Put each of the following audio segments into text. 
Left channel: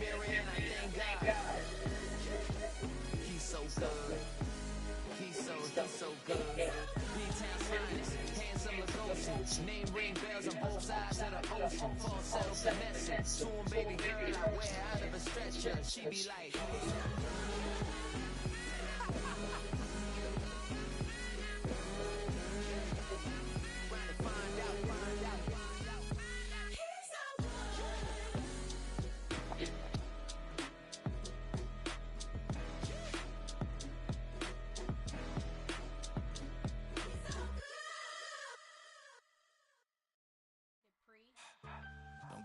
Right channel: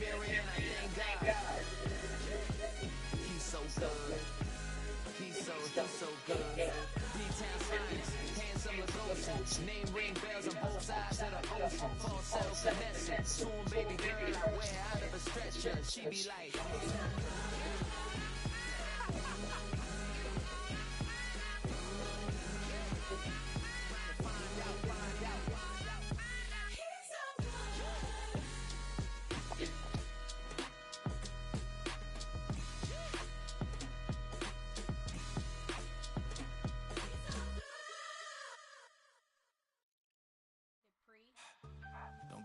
mirror and I thank God. He's so good. He's so good. D-Town finest, handsome Lagosian. Name ring bells on both sides of the ocean. Falsetto finessing. Soon baby girl I wear out of a stretcher. She be like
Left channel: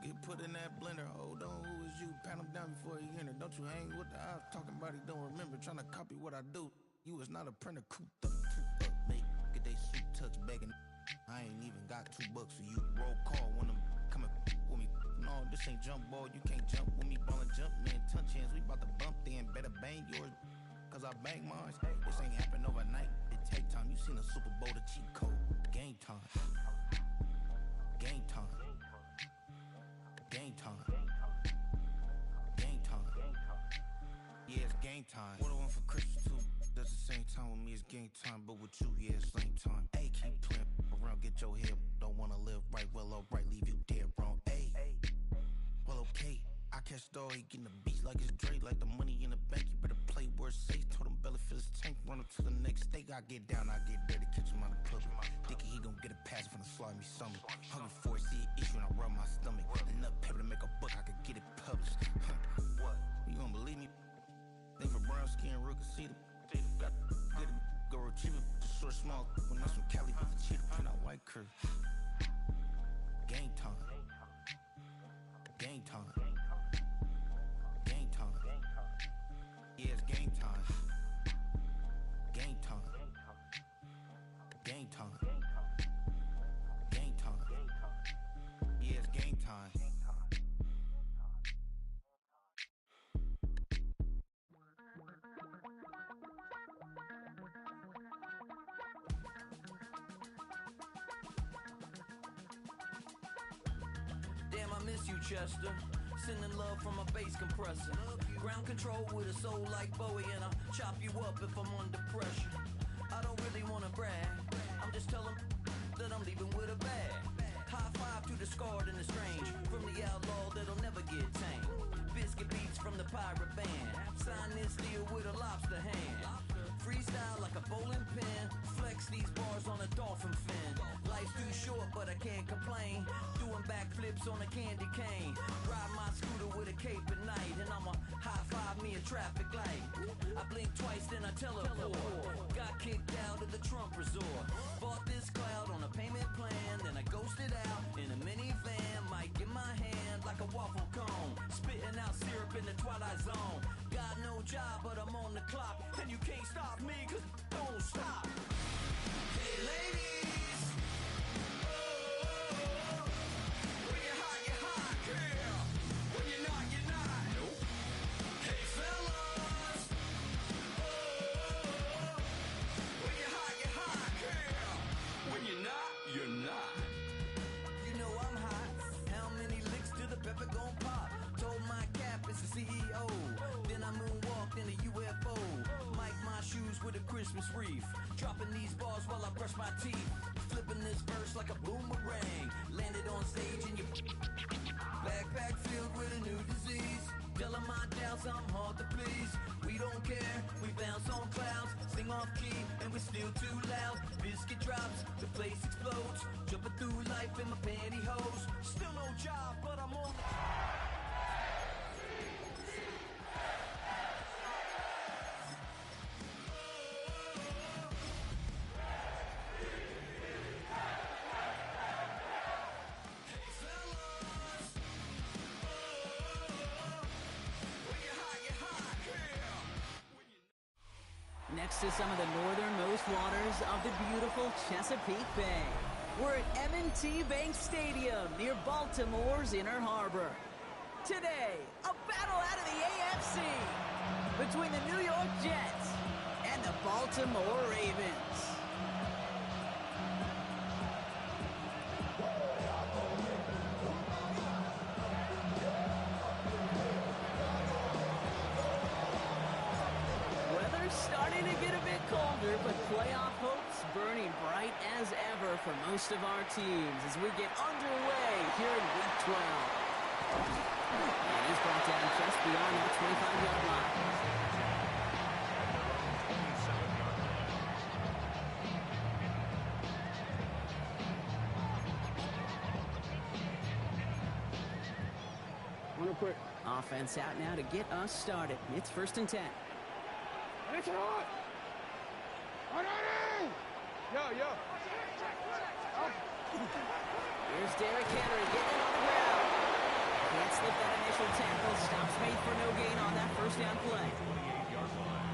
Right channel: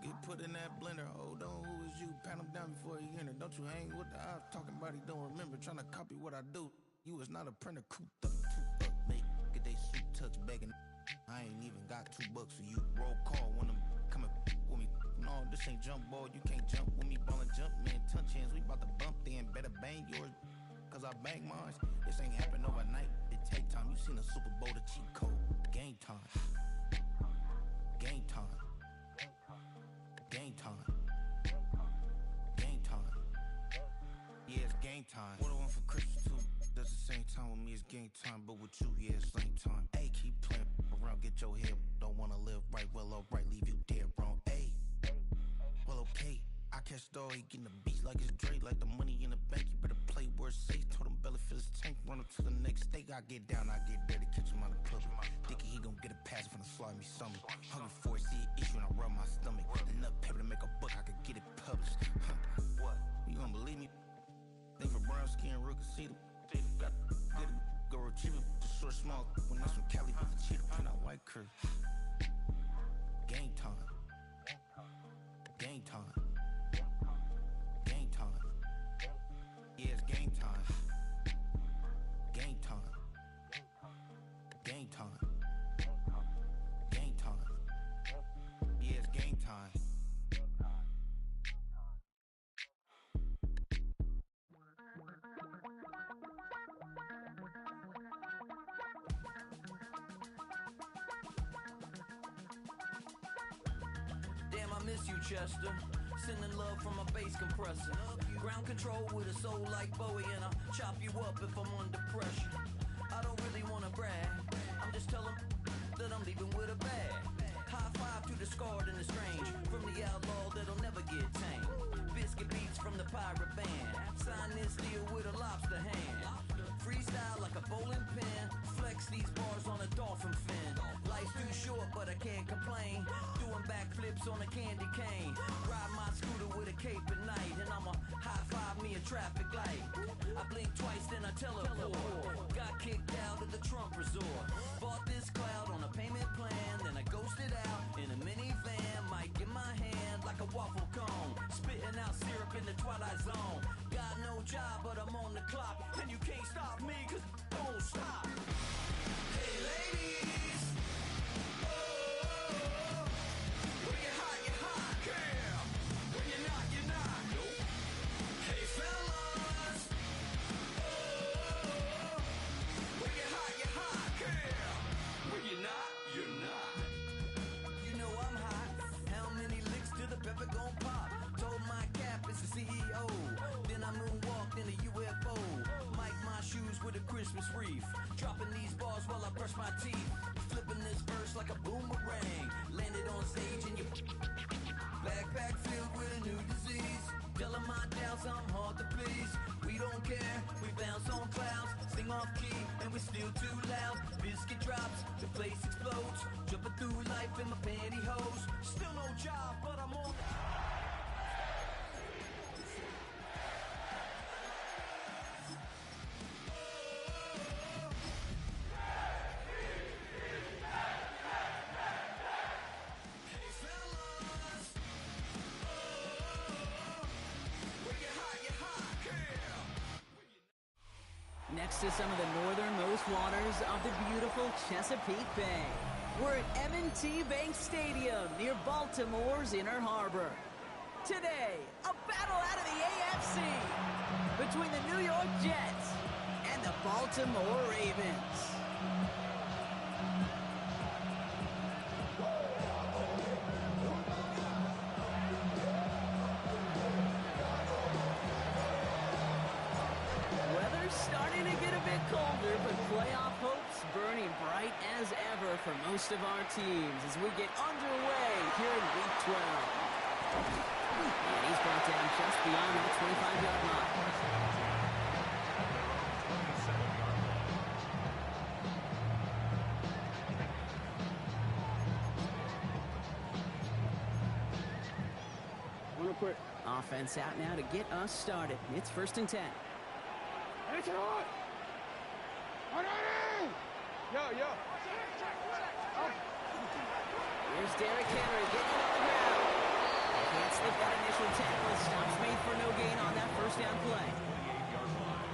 Get put in that blender, hold on, who is you? Pat him down before he enter. Don't you hang with the ops, talking about he don't remember. Trying to copy what I do. You is not a printer, cooped up, mate. Get they suit tucks begging. I ain't even got $2 for you. Roll call when I'm coming with me. No, this ain't jump ball, you can't jump with me. Ballin' jump, man, touch hands, we bout to bump then. Better bang yours, cause I bang mine. This ain't happen overnight, it take time. You seen a Super Bowl, the cheat code. Game time. Game time. Game time. Game time. Yeah, it's game time. What I want for Christmas too. Does the same time with me, it's game time. But with you, yeah, it's lame time. Hey, keep playing around, get your head. Don't wanna live right, well, alright, leave you dead wrong. Hey, well, okay. I catch the dog, he getting the beats like it's Dre. Like the money in the bank, you better play where it's safe. Told him belly fill his tank, run him to the next state. I get down, I get dirty, catch him on the club. Thinking he gon' get a pass from the slimy stomach. Hungry for it, see an issue and I rub my stomach. Enough paper to make a book, I could get it published. What? You don't believe me? Think for brown skin, real can see them. Got get it, go retrieve it. Just short, small. When that's from Cali, with the cheetah print out white curve. Game time. Game time. Game time. Yeah, it's game time. Game time. Game time. Game time. Yeah, it's game time. Damn, I miss you, Chester. Sending love from a bass compressor. Ground control with a soul like Bowie, and I'll chop you up if I'm under pressure. I don't really wanna brag, I'm just telling that I'm leaving with a bag. High five to the scarred and the strange, from the outlaw that'll never get tamed. Biscuit beats from the pirate band, sign this deal with a lobster hand. Freestyle like a bowling pin, flex these bars on a dolphin fin. Life's too short but I can't complain, doing backflips on a candy cane. Ride my scooter with a cape at night, and I'ma high five me a traffic light. I blink twice then I teleport, got kicked out of the Trump resort. Bought this cloud on a payment plan, then I ghosted out in a minivan. Mic in my hand like a waffle cone, spitting out syrup in the twilight zone. Got no job but I'm on the clock, and you can't stop me cause don't stop. Hey ladies, oh, when you're hot, girl. When you're not, nope. Hey fellas, oh, when you're hot, girl. When you're not, you're not. You know I'm hot. How many licks till the pepper gon' pop? Told my cap it's the CEO. Then I moonwalked in a UFO. Mic my shoes with a Christmas wreath. Dropping these bars while I brush my teeth. Flipping this verse like a boomerang. Landed on stage in your backpack filled with a new disease. Telling my doubts I'm hard to please. We don't care, we bounce on clouds. Sing off key and we're still too loud. Biscuit drops, the place explodes. Jumping through life in my pantyhose. Still no job, but I'm on the... Next to some of the northernmost waters of the beautiful Chesapeake Bay, we're at M&T Bank Stadium near Baltimore's Inner Harbor. Today, a battle out of the AFC between the New York Jets and the Baltimore Ravens. older, but playoff hopes burning bright as ever for most of our teams as we get underway here in Week 12. And he's brought down just beyond that 25-yard line. Offense out now to get us started. It's 1st and 10. Here's Derrick Henry getting it on the ground. Can't slip that initial tackle. Stops made for no gain on that first down play.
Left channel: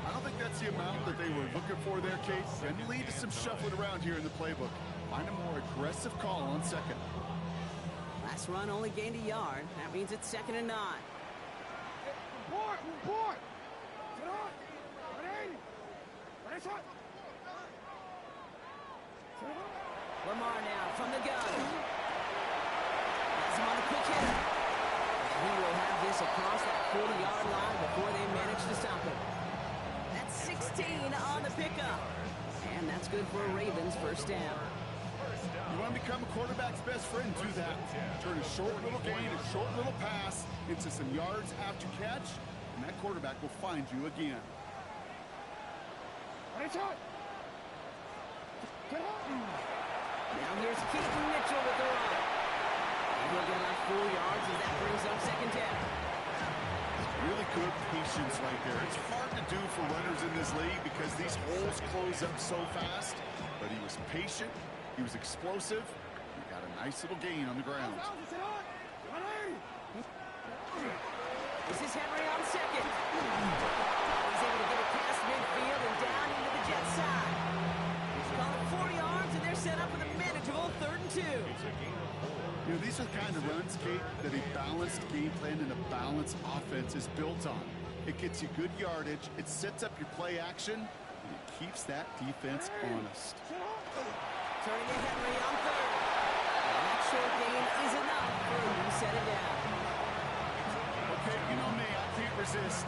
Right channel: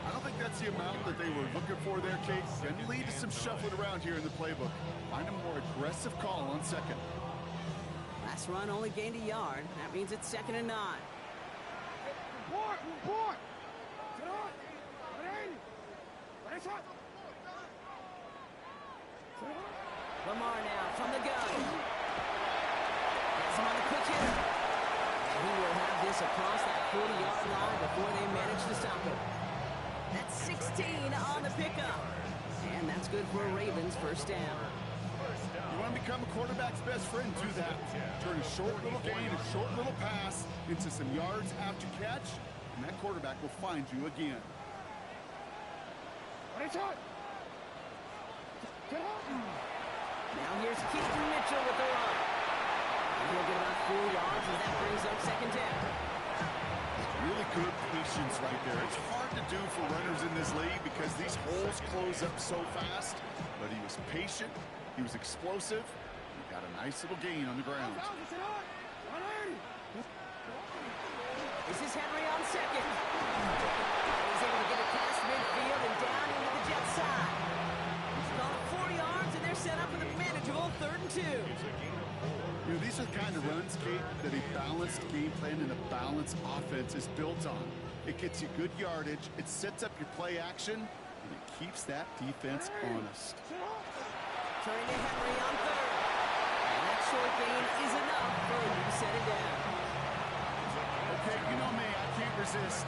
I don't think that's the amount that they were looking for there, Kate. Going to lead to some shuffling around here in the playbook. Find a more aggressive call on second. Last run only gained a yard. That means it's 2nd and 9. Lamar now from the gun. Has him on the quick hitter. And he will have this across that 40-yard line before they manage to stop it. That's 16 on the pickup. And that's good for a Ravens first down. You want to become a quarterback's best friend, do that. Turn a short little gain, a short little pass into some yards after catch, and that quarterback will find you again. Now here's Keaton Mitchell with the run. And he'll get about 4 yards as that brings up 2nd down. Really good patience right there. It's hard to do for runners in this league because these holes close up so fast, but he was patient. He was explosive. He got a nice little gain on the ground. This is Henry on second. He's able to get it past midfield and down into the Jet side. He's called 4 yards, and they're set up with a manageable 3rd and 2. You know, these are the kind of runs, Kate, that a balanced game plan and a balanced offense is built on. It gets you good yardage, it sets up your play action, and it keeps that defense honest. Turning to Henry on 3rd. And that short gain is enough for a new set it down. Okay, you know me, I can't resist.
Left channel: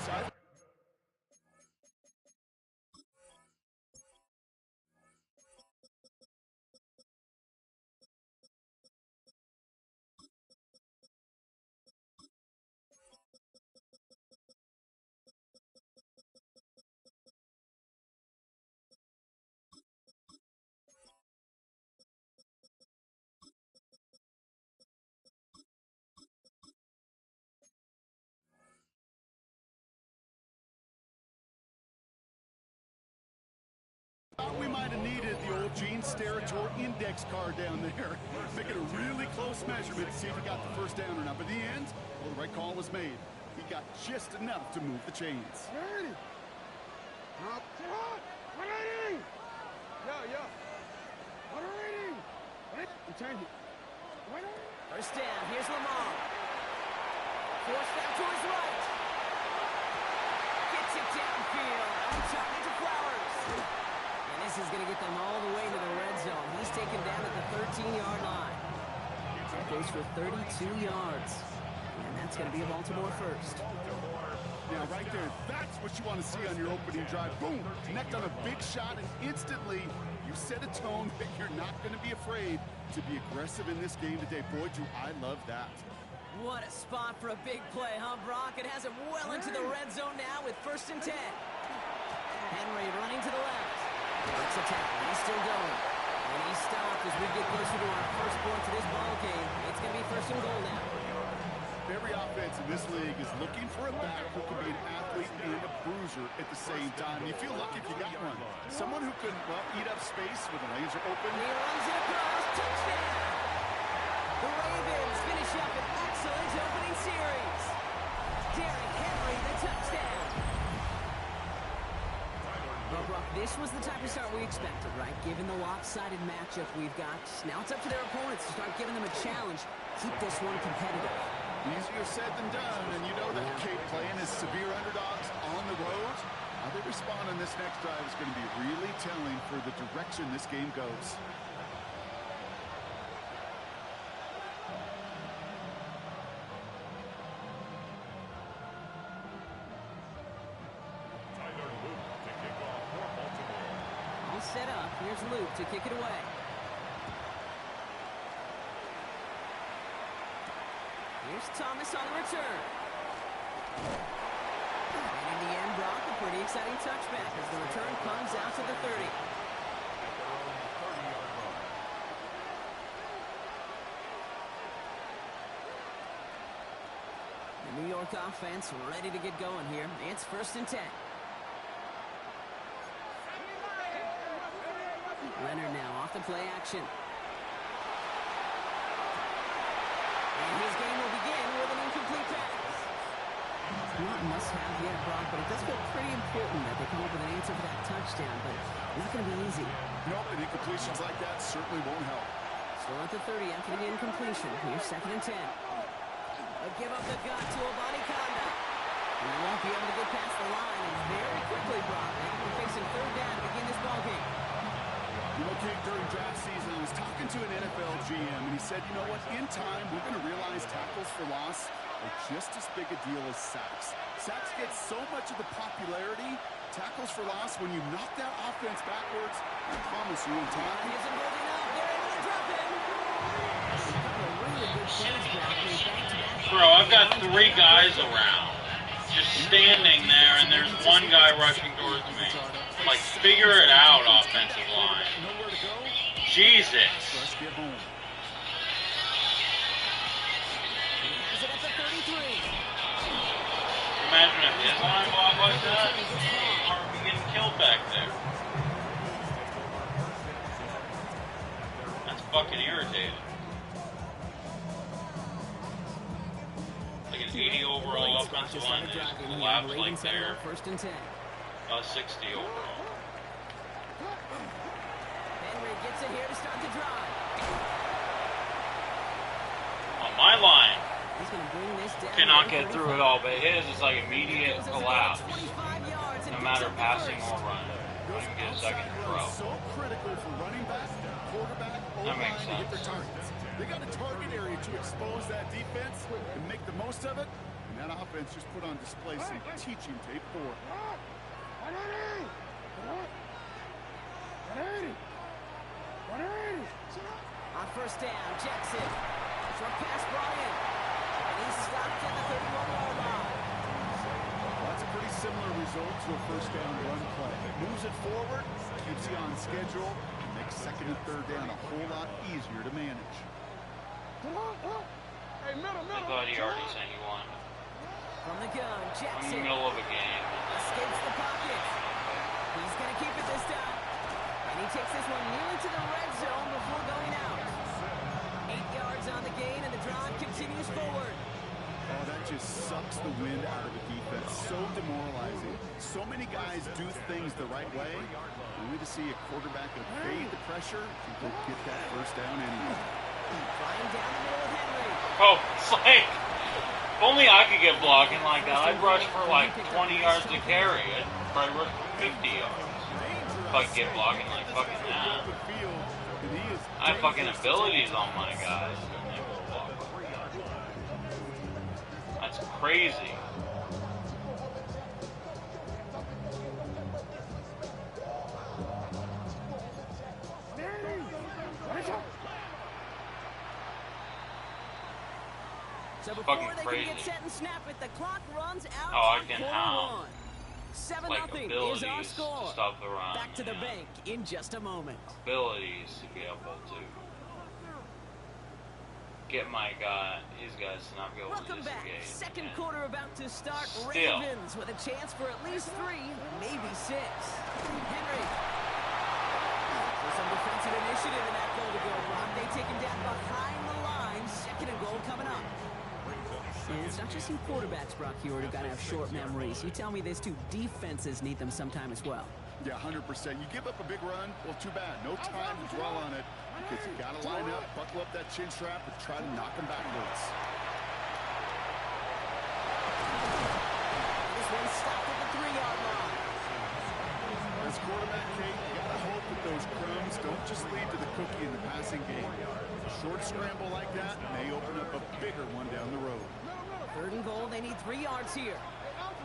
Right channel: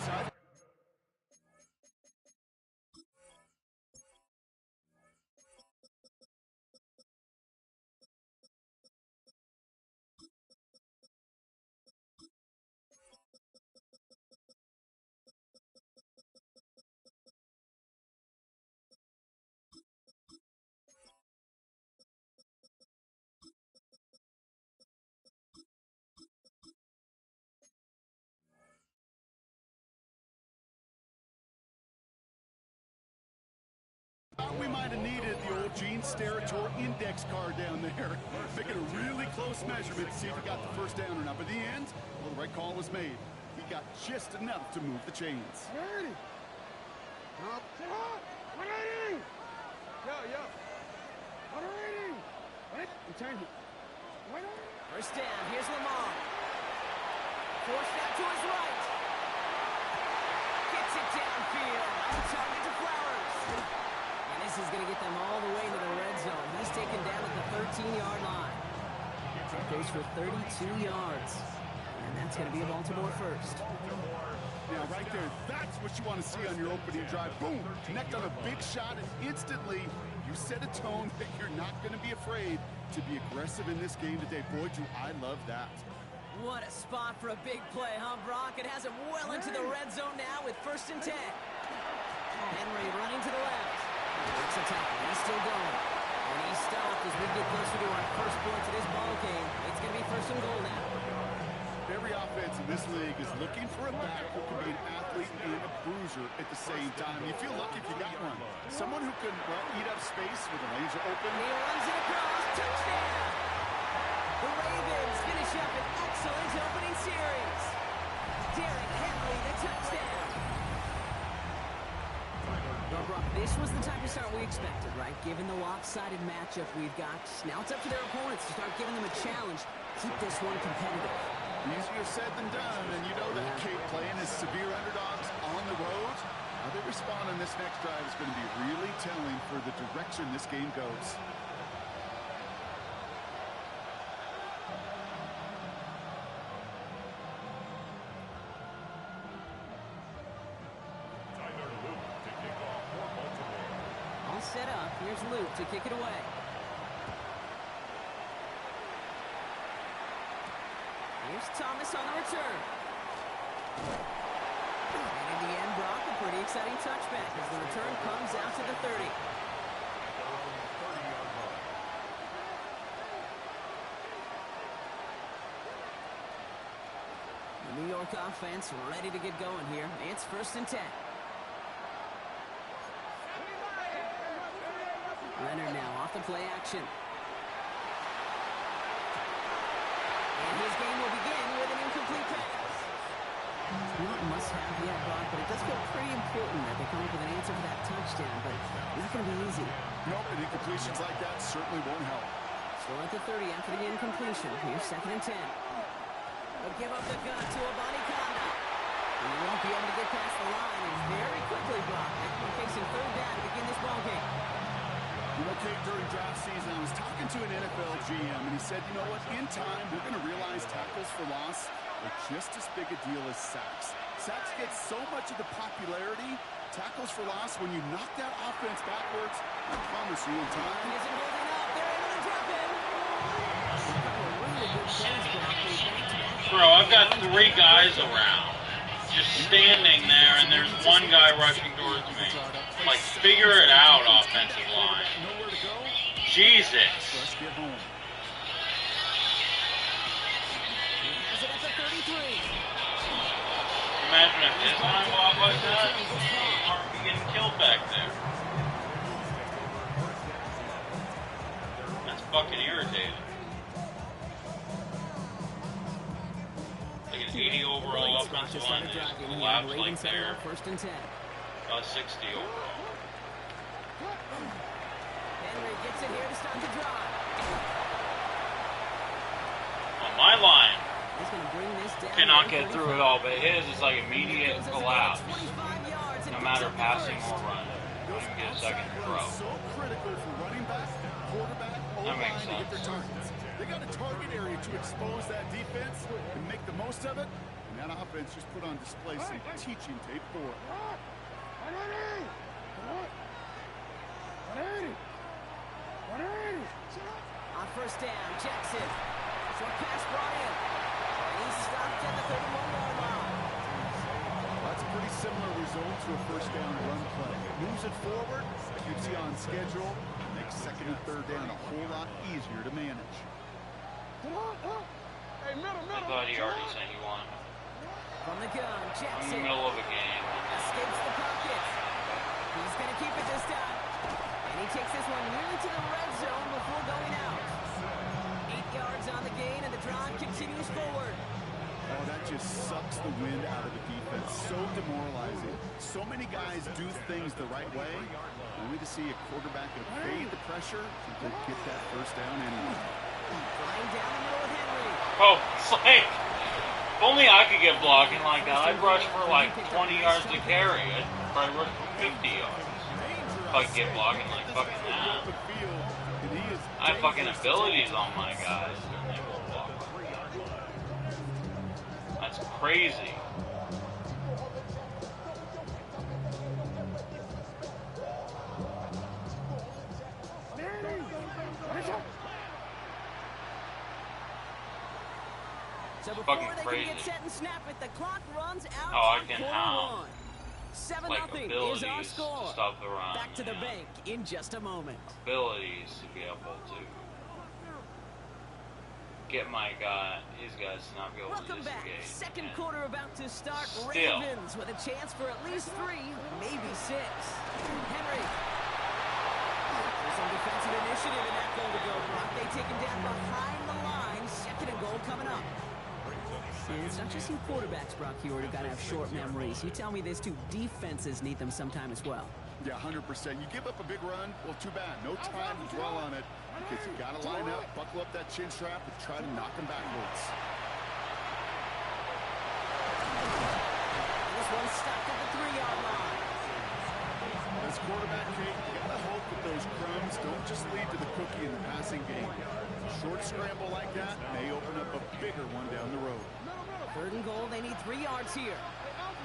We might have needed the old Gene Steratore index card down there. Make it a really close measurement to see if he got the first down or not. But in the end, well, the right call was made. He got just enough to move the chains. First down, here's Lamar. Forced out to his right. Gets it downfield. On target to Flowers. And this is going to get them all the way to the red zone. He's taken down at the 13-yard line. That goes for 32 yards. And that's going to be a Baltimore first. Yeah, right there. That's what you want to see on your opening drive. Boom! Connect on a big shot, and instantly you set a tone that you're not going to be afraid to be aggressive in this game today. Boy, do I love that. What a spot for a big play, huh, Brock? It has him well into the red zone now with 1st and 10. Henry running to the left. Breaks a tackle. He's still going. And he's stopped as we get closer to our first points of this ball game. It's going to be 1st and goal now. Every offense in this league is looking for a back who can be an athlete and a bruiser at the same time. You feel lucky if you got one. Someone who can, well, eat up space when the lanes are open. And he runs it across. Touchdown! The Ravens finish up an excellent opening series. Derrick Henry, the touchdown. Well, Brock, this was the type of start we expected, right? Given the lopsided matchup we've got. Now it's up to their opponents to start giving them a challenge. Keep this one competitive. Easier said than done, and you know that Kate playing as severe underdogs on the road. How they respond on this next drive is going to be really telling for the direction this game goes. set up. Here's Luke to kick it away. Here's Thomas on the return. And in the end, Brock, a pretty exciting touchback as the return comes out to the 30. The New York offense ready to get going here. It's 1st and 10. Leonard now off the play action. And his game will begin with an incomplete pass. It's not must-have yet, Brock, but it does feel pretty important that they come up with an answer for that touchdown, but not going to be easy. Nope, and incompletions like that certainly won't help. Still at the 30 after the incompletion. Here's 2nd and 10. They'll give up the gun to Abanikanda. He won't be able to get past the line, and very quickly, Brock, they will be facing 3rd down to begin this ballgame. You know, Kate, during draft season, I was talking to an NFL GM, and he said, you know what, in time, we're going to realize tackles for loss are just as big a deal as sacks. Sacks get so much of the popularity. Tackles for loss, when you knock that offense backwards, I promise you, in time... He isn't holding up. They're able to drop him. Really good plays, Brock. Bro, I've got 3 guys around, just standing there, and there's one guy rushing towards me. Like, figure it out, offensive line. Jesus. Imagine if his line blocked like that, he'd be getting killed back there. That's fucking irritating. Like an 80 overall offensive line that just collapsed like there. 1st and 10. 60 overall. Henry gets it here to start the drive. On my line, he's going to bring this down. Cannot get through it all, but his is like immediate collapse. No matter passing or running. Don't even get a second to throw. So critical for running back, quarterback, That makes O-line to get their sense. targets. They got a target area to expose that defense and make the most of it. And that offense just put on display some teaching tape for it. On 1st down, Jackson. Short pass brought in. And he's stopped at the 31-yard line. Well, that's a pretty similar result to a 1st down run play. It moves it forward, keeps you on schedule, and makes 2nd and 3rd down a whole lot easier to manage. I thought he already sent you one. From the gun, I'm in the Jackson middle of a game. escapes the pocket. He's going to keep it this time. And he takes this one nearly to the red zone before going out. 8 yards on the gain, and the drive continues forward. Oh, that just sucks the wind out of the defense. So demoralizing. So many guys do things the right way, only to see a quarterback evade the pressure and go get that 1st down anyway. Flying down the middle with Henry. Oh, it's like, if only I could get blocking like that, I'd rush for like 20 yards to carry. I'd probably rush for 50 yards. If I could get blocking like fucking that. I have fucking abilities on my guys. And they won't block. That's crazy. So before fucking they crazy. can get set and snap it, the clock runs out Oh, I on can quarter have, 1. 7-0 like, is our abilities score. to stop the run. Back to the yeah. bank in just a moment. Abilities to be able to get these guys to not be able Welcome to back. disengage. Second And quarter about to start. Still. Ravens with a chance for at least 3, maybe 6. Henry. There's some defensive initiative in that goal to go, Brock. They take him down behind the line. 2nd and goal coming up. And it's not just in quarterbacks, Brock, you already got to have short memories. You tell me this too, defenses need them sometime as well. Yeah, 100%. You give up a big run, well, too bad. No time to dwell on it because you got to line up, buckle up that chin strap, and try to knock them backwards. This one stopped at the 3-yard line. As quarterback, Kate, you got to hope that those crumbs don't just lead to the cookie in the passing game. A short scramble like that may open up a bigger one down the road. 3rd and goal, they need 3 yards here. Trying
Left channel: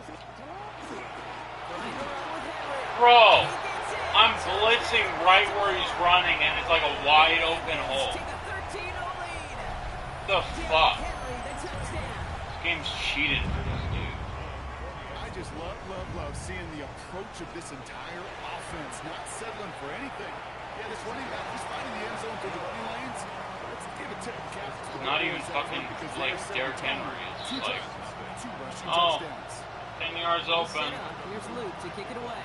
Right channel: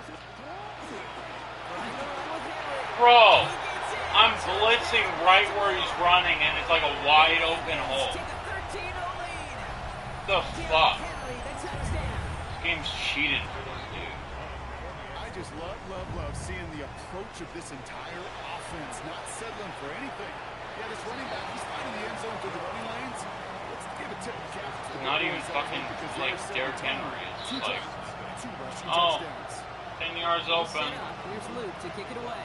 to run with Henry. Bro, He gets I'm blitzing right where he's running, and it's like a wide open hole. Take a 13-0 lead. The fuck? Henry, the touchdown. This game's cheated for this dude. I just love seeing the approach of this entire offense, not settling for anything. Yeah, this running back, he's finding the end zone through the running lanes. Let's give a tip of cap to the Not even fucking like Derrick Henry. It's like, oh, 10 yards open. Here's Luke to kick it away.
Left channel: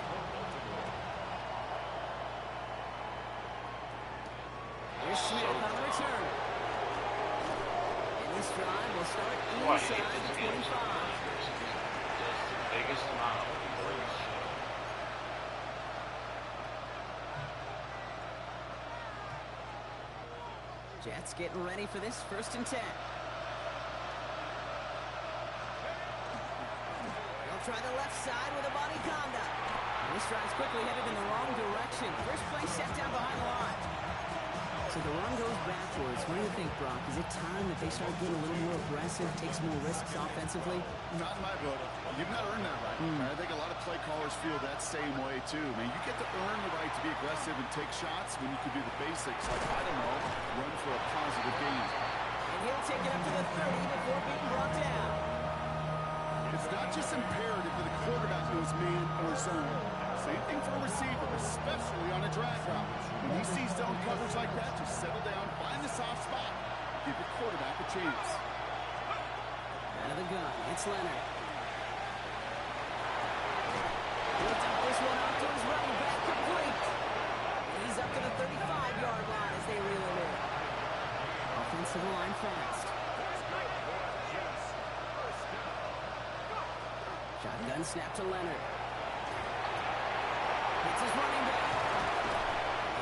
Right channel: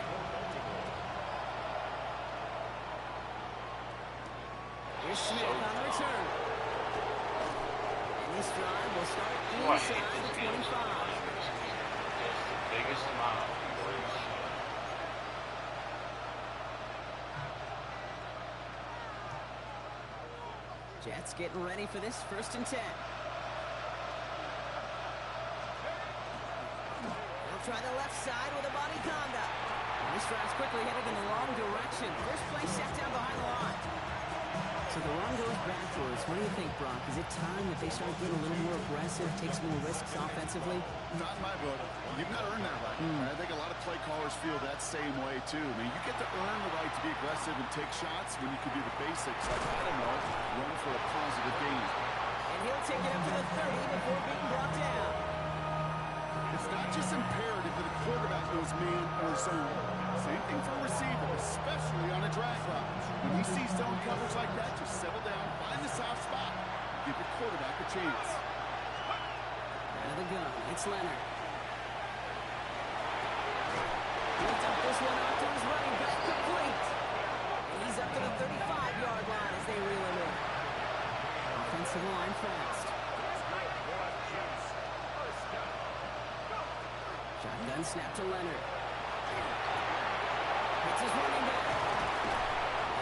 Here's Smith on the return. And this drive will start inside the 25. Just the biggest amount of bullshit. Jets getting ready for this 1st and 10. They'll try the left side with a body conduct. And this drive's quickly headed in the wrong direction. First play set down behind the line. So the run goes backwards. What do you think, Brock? Is it time that they start getting a little more aggressive, take some more risks offensively? Not in my book. You've got to earn that right. I think a lot of play callers feel that same way, too. I mean, you get to earn the right to be aggressive and take shots when you can do the basics, like, I don't know, run for a positive gain. And he'll take it up to the 30 before being brought down. It's not just imperative that a quarterback knows man or zone. Same thing for a receiver, especially on a drag route. When you see zone coverage like that, just settle down, find the soft spot, give your quarterback a chance. Out of the gun, it's Leonard. He'll dump this one off to his running back, complete. And he's up to the 35-yard line as they reel him in. Offensive line fast. Shotgun snap to Leonard. It's his running back.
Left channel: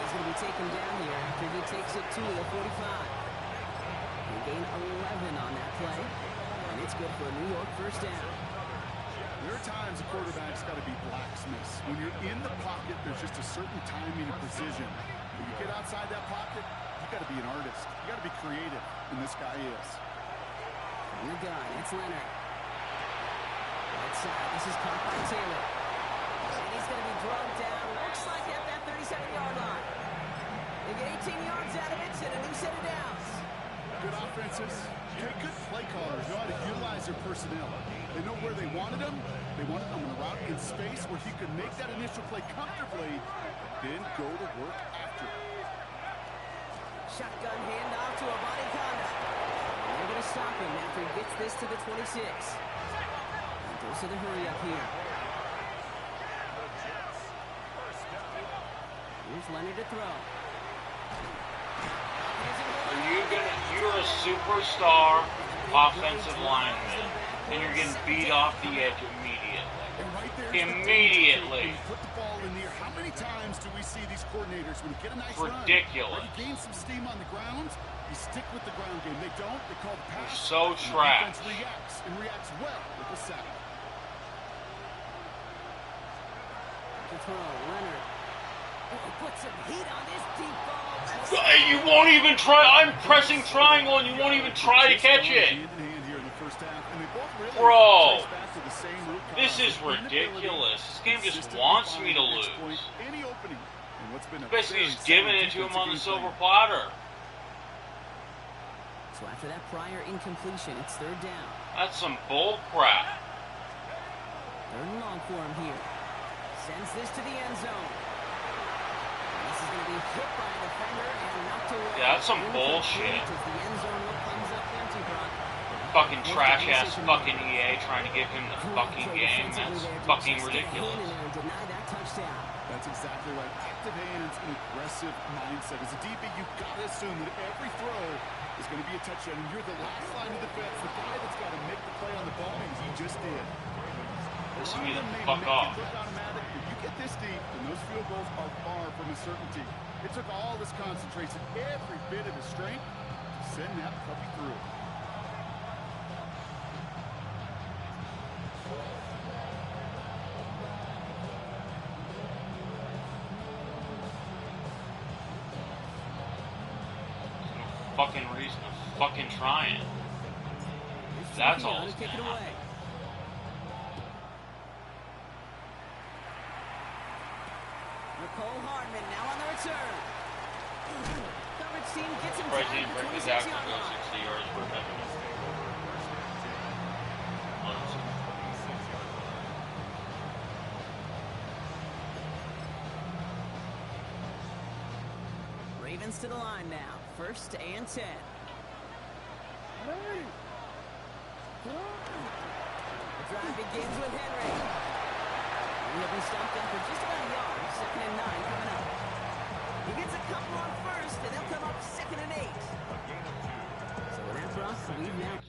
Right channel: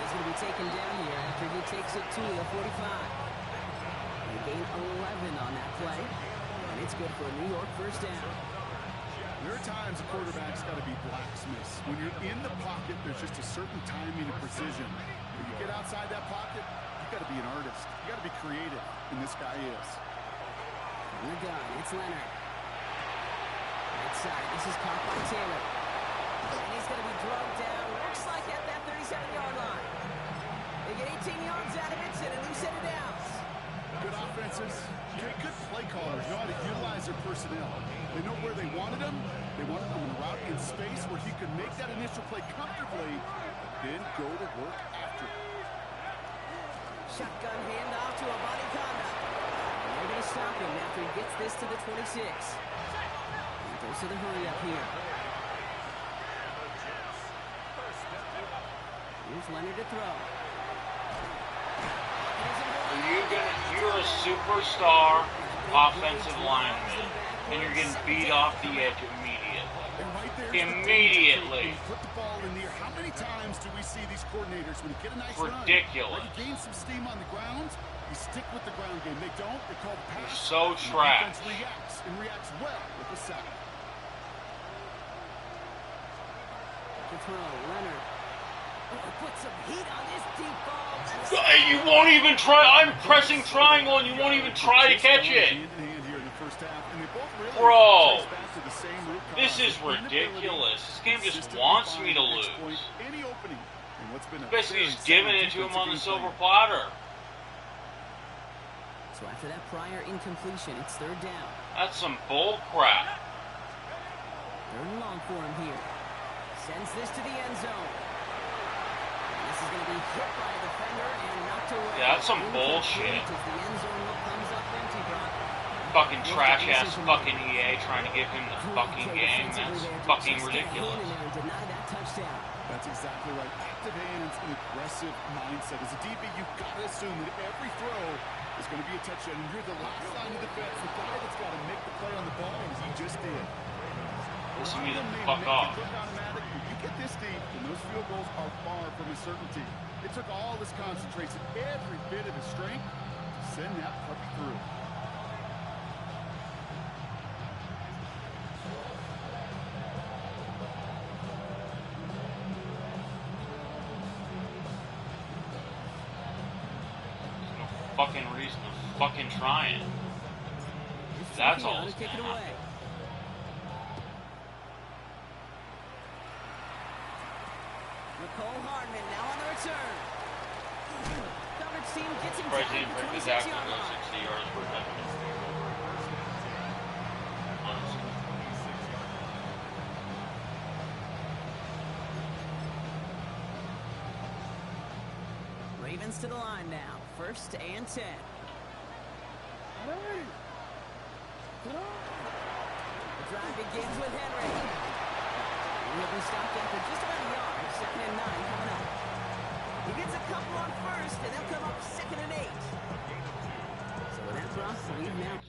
He's going to be taken down here after he takes it to the 45. He gained 11 on that play, and it's good for a New York 1st down. There are times a quarterback's got to be blacksmiths. When you're in the pocket, there's just a certain timing and precision. When you get outside that pocket, you got to be an artist. You got to be creative, and this guy is. From the gun, it's Leonard. Right side, this is caught by Taylor. And he's going to be drugged down, looks like at that 37-yard line. They get 18 yards out of it and a new set of downs. Good offenses, good play callers know how to utilize their personnel. They know where they wanted them. They wanted them in a route in space where he could make that initial play comfortably, then go to work after. Shotgun handoff to a body conduct. And they're going to stop him after he gets this to the 26. And goes to the hurry up here. Here's Leonard to throw. You're a superstar offensive lineman, and you're getting beat off the edge immediately. Immediately. Put the ball in the air. How many times do we see these coordinators when you get a nice ridiculous. Run, you gain some steam on the ground, you stick with the ground game. They don't. They call the pass. You're so trash. The defense reacts well with the sack. To throw, Leonard. Oh, put some heat on this deep ball. You won't even try. I'm pressing triangle, and you won't even try to catch it. Bro, this is ridiculous. This game just wants me to lose. Basically, he's giving it to him on the silver platter. So after that prior incompletion, it's 3rd down. That's some bull crap. 3rd and long for him here. Sends this to the end zone. This is going to be hit by a defender and knocked away. Yeah, that's some bullshit. As the end zone look comes up empty, Brock. Fucking trash-ass fucking EA trying to give him the fucking game. That's fucking ridiculous. Deny that touchdown. That's exactly right. Active hands and aggressive mindset. As a DB, you've got to assume that every throw is going to be a touchdown. And you're the last line of defense, the guy that's got to make the play on the ball, and he just did. Listen to me the fuck off. You get this deep, and those field goals are far from a certainty. It took all his concentration, every bit of his strength, to send that puppy through. There's no fucking reason to fucking try it. That's all that's gonna happen. Nicole Hardman now on the return. Coverage team gets him Surprised he down didn't to the bring the 26 tackle yard to go line. 60 yards per touchdown. Honestly. Ravens to the line now. 1st and 10. The drive begins with Henry. He'll be stopped after just about a yard. 2nd and 9 coming up. He gets a couple on 1st, and they'll come up 2nd and 8. So with that, Brock, we've now...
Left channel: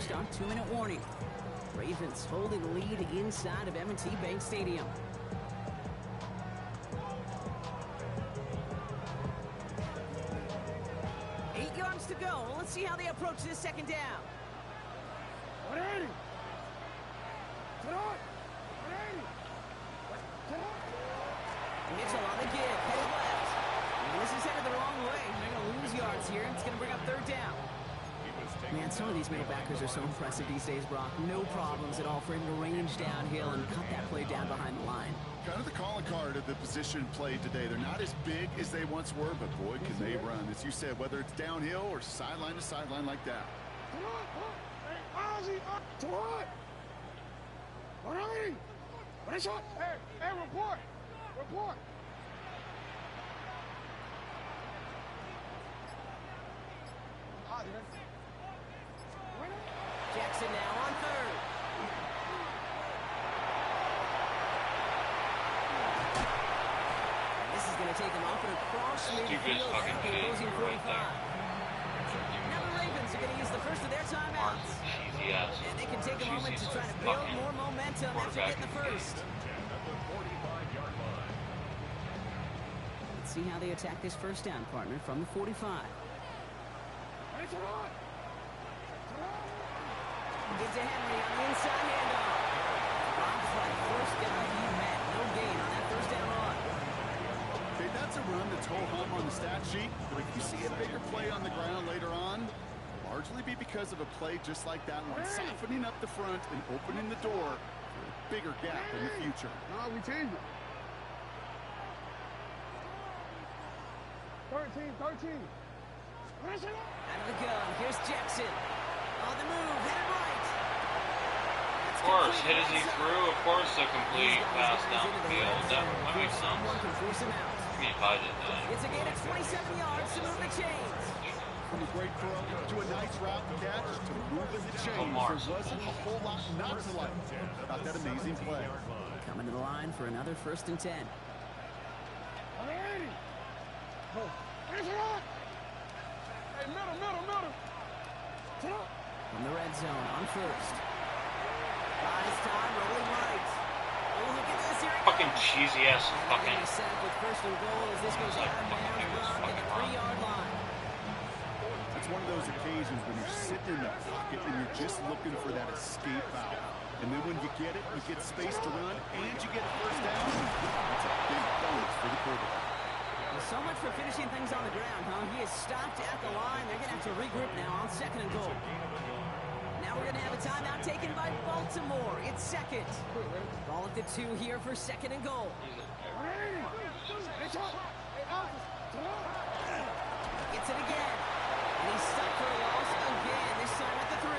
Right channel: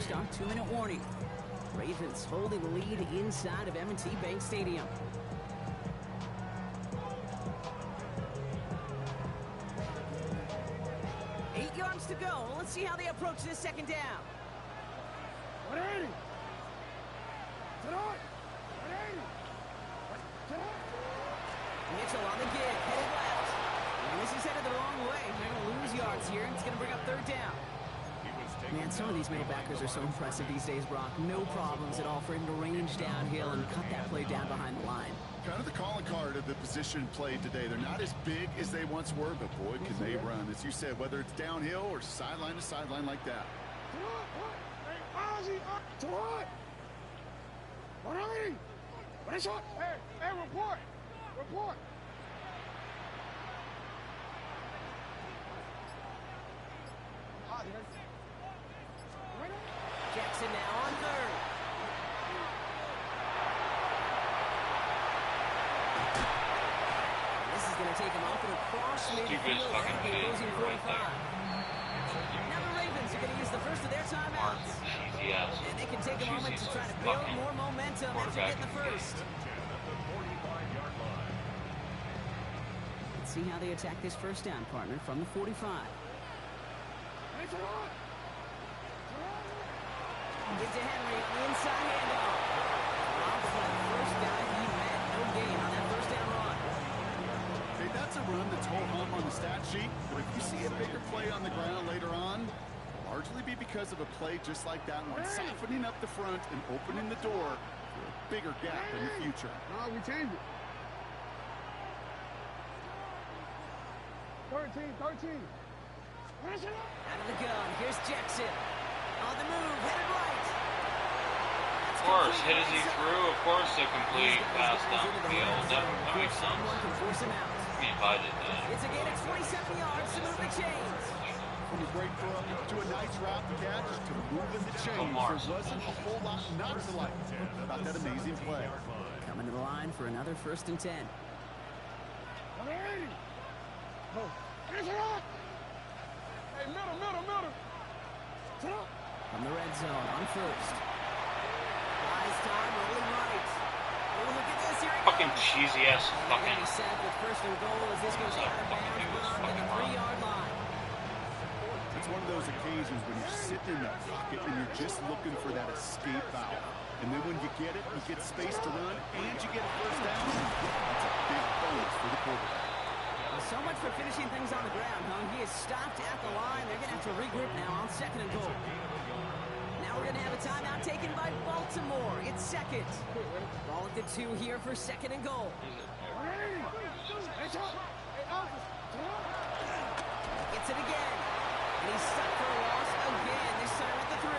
Start 2-minute warning. Ravens holding the lead inside of M&T Bank Stadium. Eight yards to go. Let's see how they approach this 2nd down. 180. Mitchell on the give, headed left. And this is headed the wrong way. They're going to lose yards here, and it's going to bring up 3rd down. Man, some of these middle backers are so impressive these days, Brock. No problems at all for him to range downhill and cut that play down behind the line. Kind of the calling card of the position played today. They're not as big as they once were, but boy, can they run. As you said, whether it's downhill or sideline to sideline like that. Hey, report. Jackson now on 3rd. And this is going to take him off and across midfield at the opposing 45. Now the Ravens are going to use the first of their timeouts. And they can take a moment to try to build more momentum after getting the first. Let's see how they attack this 1st down, partner, from the 45. Get to Henry on the inside handoff. Rob for that 1st guy he met. No gain on that 1st down run. Okay, that's a run that's ho-hum on the stat sheet, but if you see a bigger play on the ground later on, it'll largely be because of a play just like that one, softening up the front and opening the door for a bigger gap in the future. No, we changed it. 13. Out of the gun. Here's Jackson. On the move, headed right. Of course, hit as he threw. Of course, a complete pass down the field. That makes sense. Can force him out. I mean, if I did that. It's a gain of 27 yards to move the chains. From a great throw to a nice route to catch to moving the chains. There wasn't a whole lot not to like about that amazing play. Coming to the line for another 1st and 10. 180. Hey, middle. From the red zone on 1st. Buys time, rolling right. Oh, look at this. Here it Fucking goes. cheesy ass fucking. He's set up with 1st and goal as this goes out of bounds from the 3-yard line. It's one of those occasions when you're sitting in the pocket and you're just looking for that escape valve. And then when you get it, you get space to run, and you get a 1st down. That's a big bonus for the quarterback. Well, so much for finishing things on the ground, huh? He is stopped at the line. They're going to have to regroup now on 2nd and goal. Now we're going to have a timeout taken by Baltimore. It's 2nd. Ball at the 2 here for 2nd and goal. Gets it again. And he's stuck for a loss again, this time at the 3.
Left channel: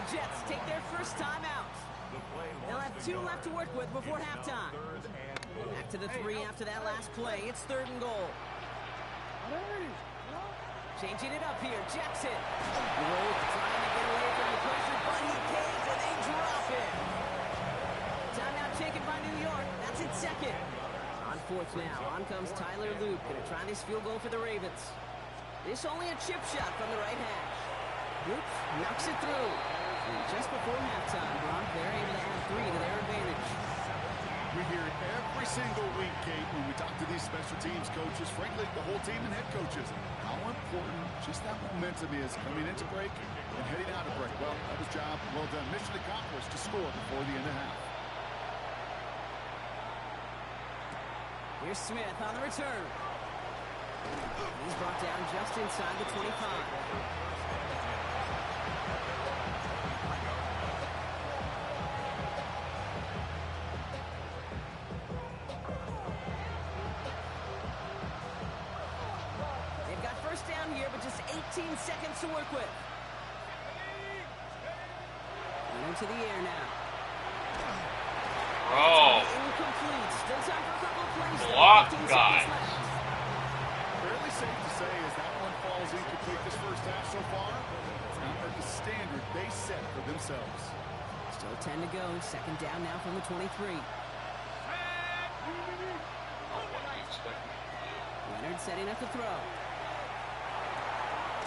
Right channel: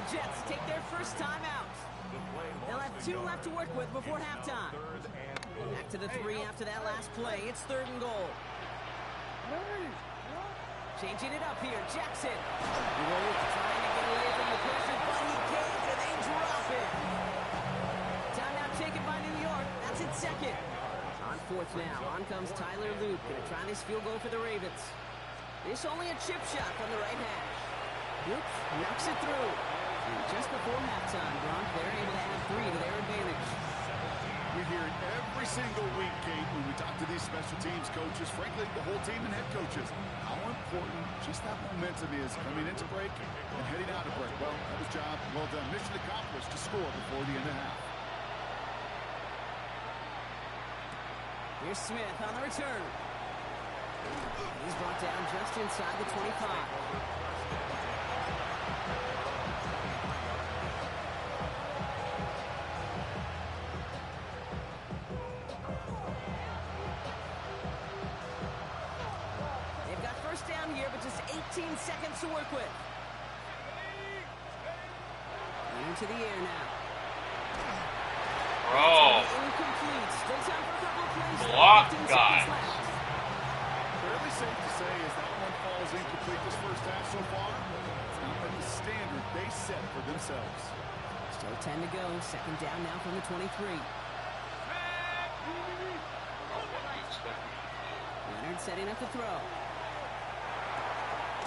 The Jets take their 1st timeout. They'll have 2 left to work with before halftime. Back to the 3 after that last play. It's 3rd and goal. Changing it up here. Jackson. Roll, trying to get away from the pressure, but he can't, and they drop it. Timeout taken by New York. That's in 2nd. On On fourth now, on comes Tyler Loop. Gonna try this field goal for the Ravens. This only a chip shot from the right hash. Loop knocks it through. And just before halftime, Gronk, they're able to add 3 to their advantage. We hear it every single week, Kate, when we talk to these special teams coaches, frankly, the whole team and head coaches, how important just that momentum is coming into break and heading out of break. Well, that was job well done. Mission accomplished to score before the end of half. Here's Smith on the return. He's brought down just inside the 25. They've got first down here, but just 18 seconds to work with. Running to the air now. Bro. Incomplete. Still time for a couple of plays. Block 15 guy. seconds left. Fairly safe to say as that one falls incomplete this first half so far, it's not been the standard they set for themselves. Still 10 to go. Second down now from the 23. Leonard setting up to throw.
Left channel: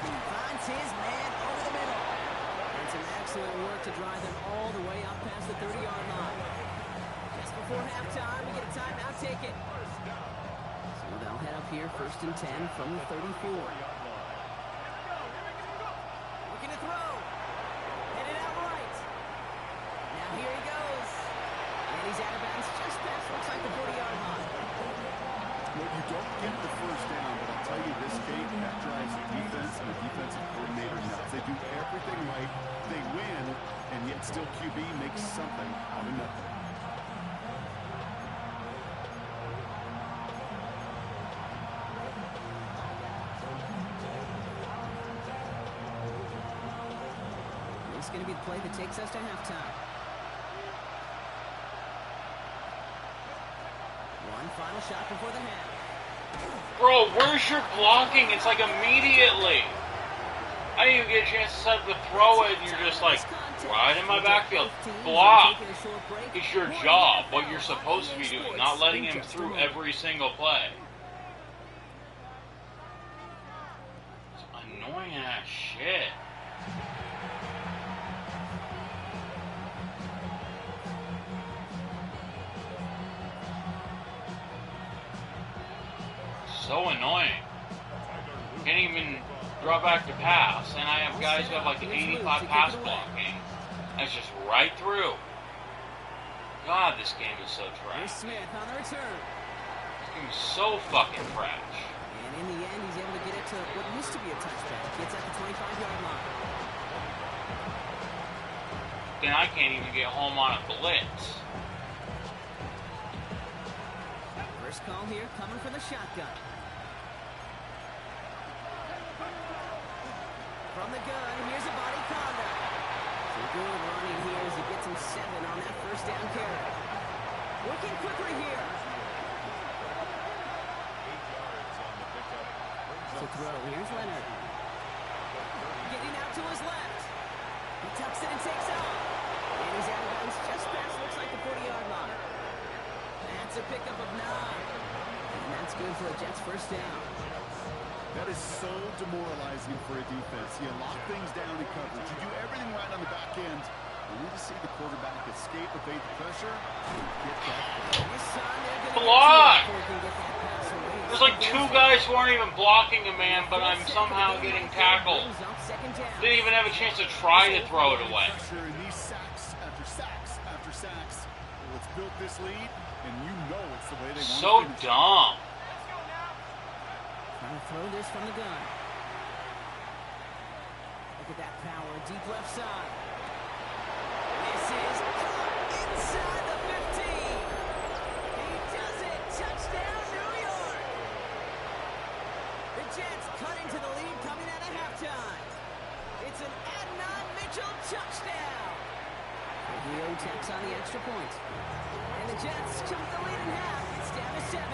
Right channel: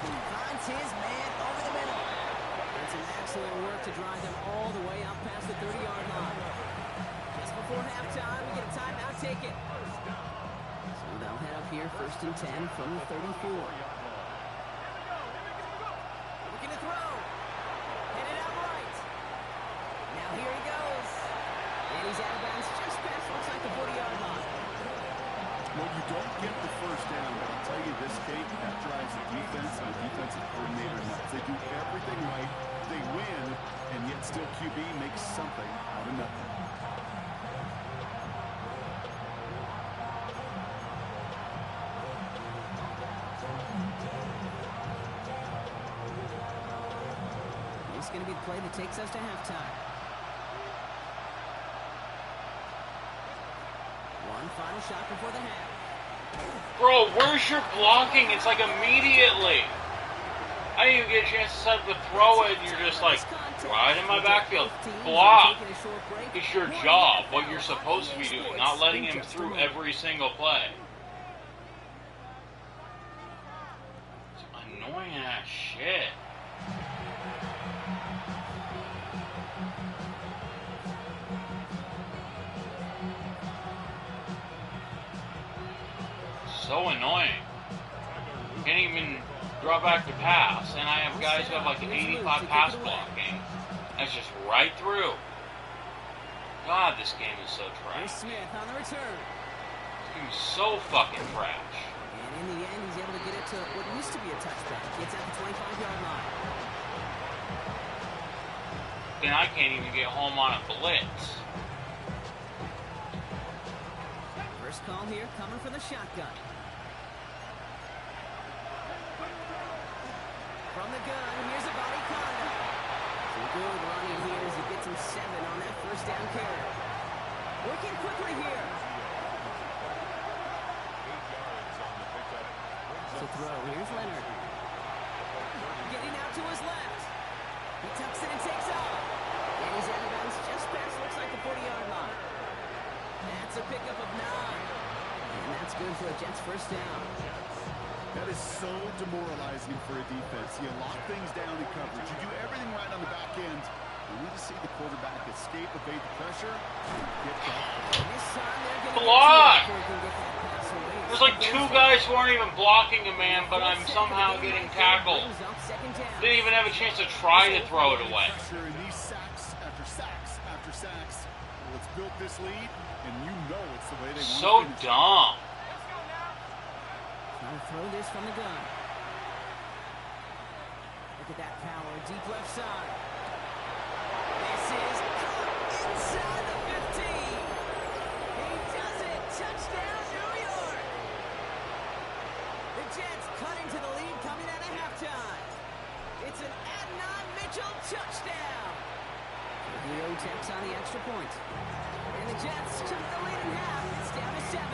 Finds his man over the middle. And some excellent work to drive them all the way up past the 30-yard line. Just before halftime, we get a timeout taken. So they'll head up here, 1st and 10 from the 34. Looking to throw. Headed out right. Now here he goes. And he's out of bounds just past, looks like the 40-yard line. Well, you don't get the first down, but I'll tell you this, Kate, that drives the defense and the defensive coordinator nuts. They do everything right. They win, and yet still QB makes something out of nothing. This is going to be the play that takes us to halftime. One final shot before the half. Bro, where's your blocking? It's like immediately. I didn't even get a chance to set up to throw it, and you're just like, right in my backfield. Block. It's your job, what you're supposed to be doing, not letting him through every single play. It's annoying ass shit. So annoying. Can't even draw back to pass, and I have guys who have like 85 pass blocking. That's just right through. God, this game is so trash. Smith on the return. This game is so fucking trash. And in the end, he's able to get it to what used to be a touchback. Gets at the 25-yard line. Then I can't even get home on a blitz. First call here coming from the shotgun. From the gun, here's a body conduct. Some good running here as he gets him 7 on that first down carry. Working quickly here. To throw, here's Leonard. Getting out to his left. He tucks it and takes off. And he's out of bounds just past, looks like the 40-yard line. That's a pickup of 9. And that's good for the Jets' first down. That is so demoralizing for a defense. You lock things down in coverage. You do everything right on the back end. You need to see the quarterback escape, evade the pressure, and get that. Block! There's like 2 guys who aren't even blocking a man, but I'm somehow getting tackled. Didn't even have a chance to try to throw it away. And these sacks after sacks after sacks. Well, it's built this lead, and you know it's the way they want So to finish. dumb. Trying to throw this from the gun. Look at that power, deep left side. This is caught inside the 15. He does it. Touchdown, New York. The Jets cut into the lead coming out of halftime. It's an Adnan Mitchell touchdown. Leo taps on the extra point. And the Jets jump the lead in half. It's down to 7.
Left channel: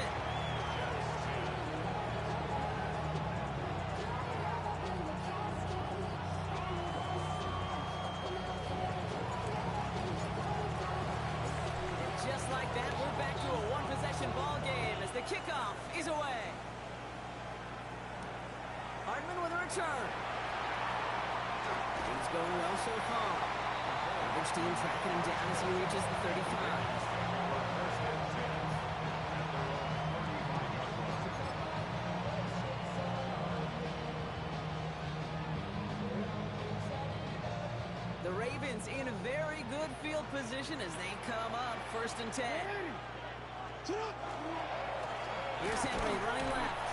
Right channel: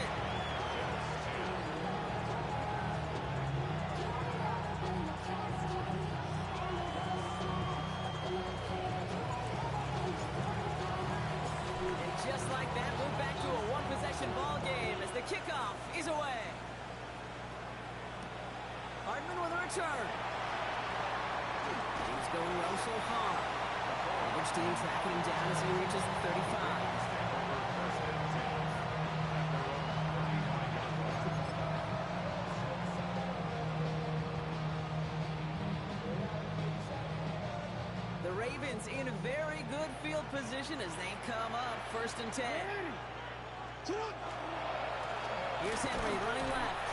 just like that, we're back to a one-possession ball game as the kickoff is away. Hardman with a return. Things going well so far. Which team tracking him down as he reaches the 35. The Ravens in very good field position as they come up 1st and 10. Here's Henry running left.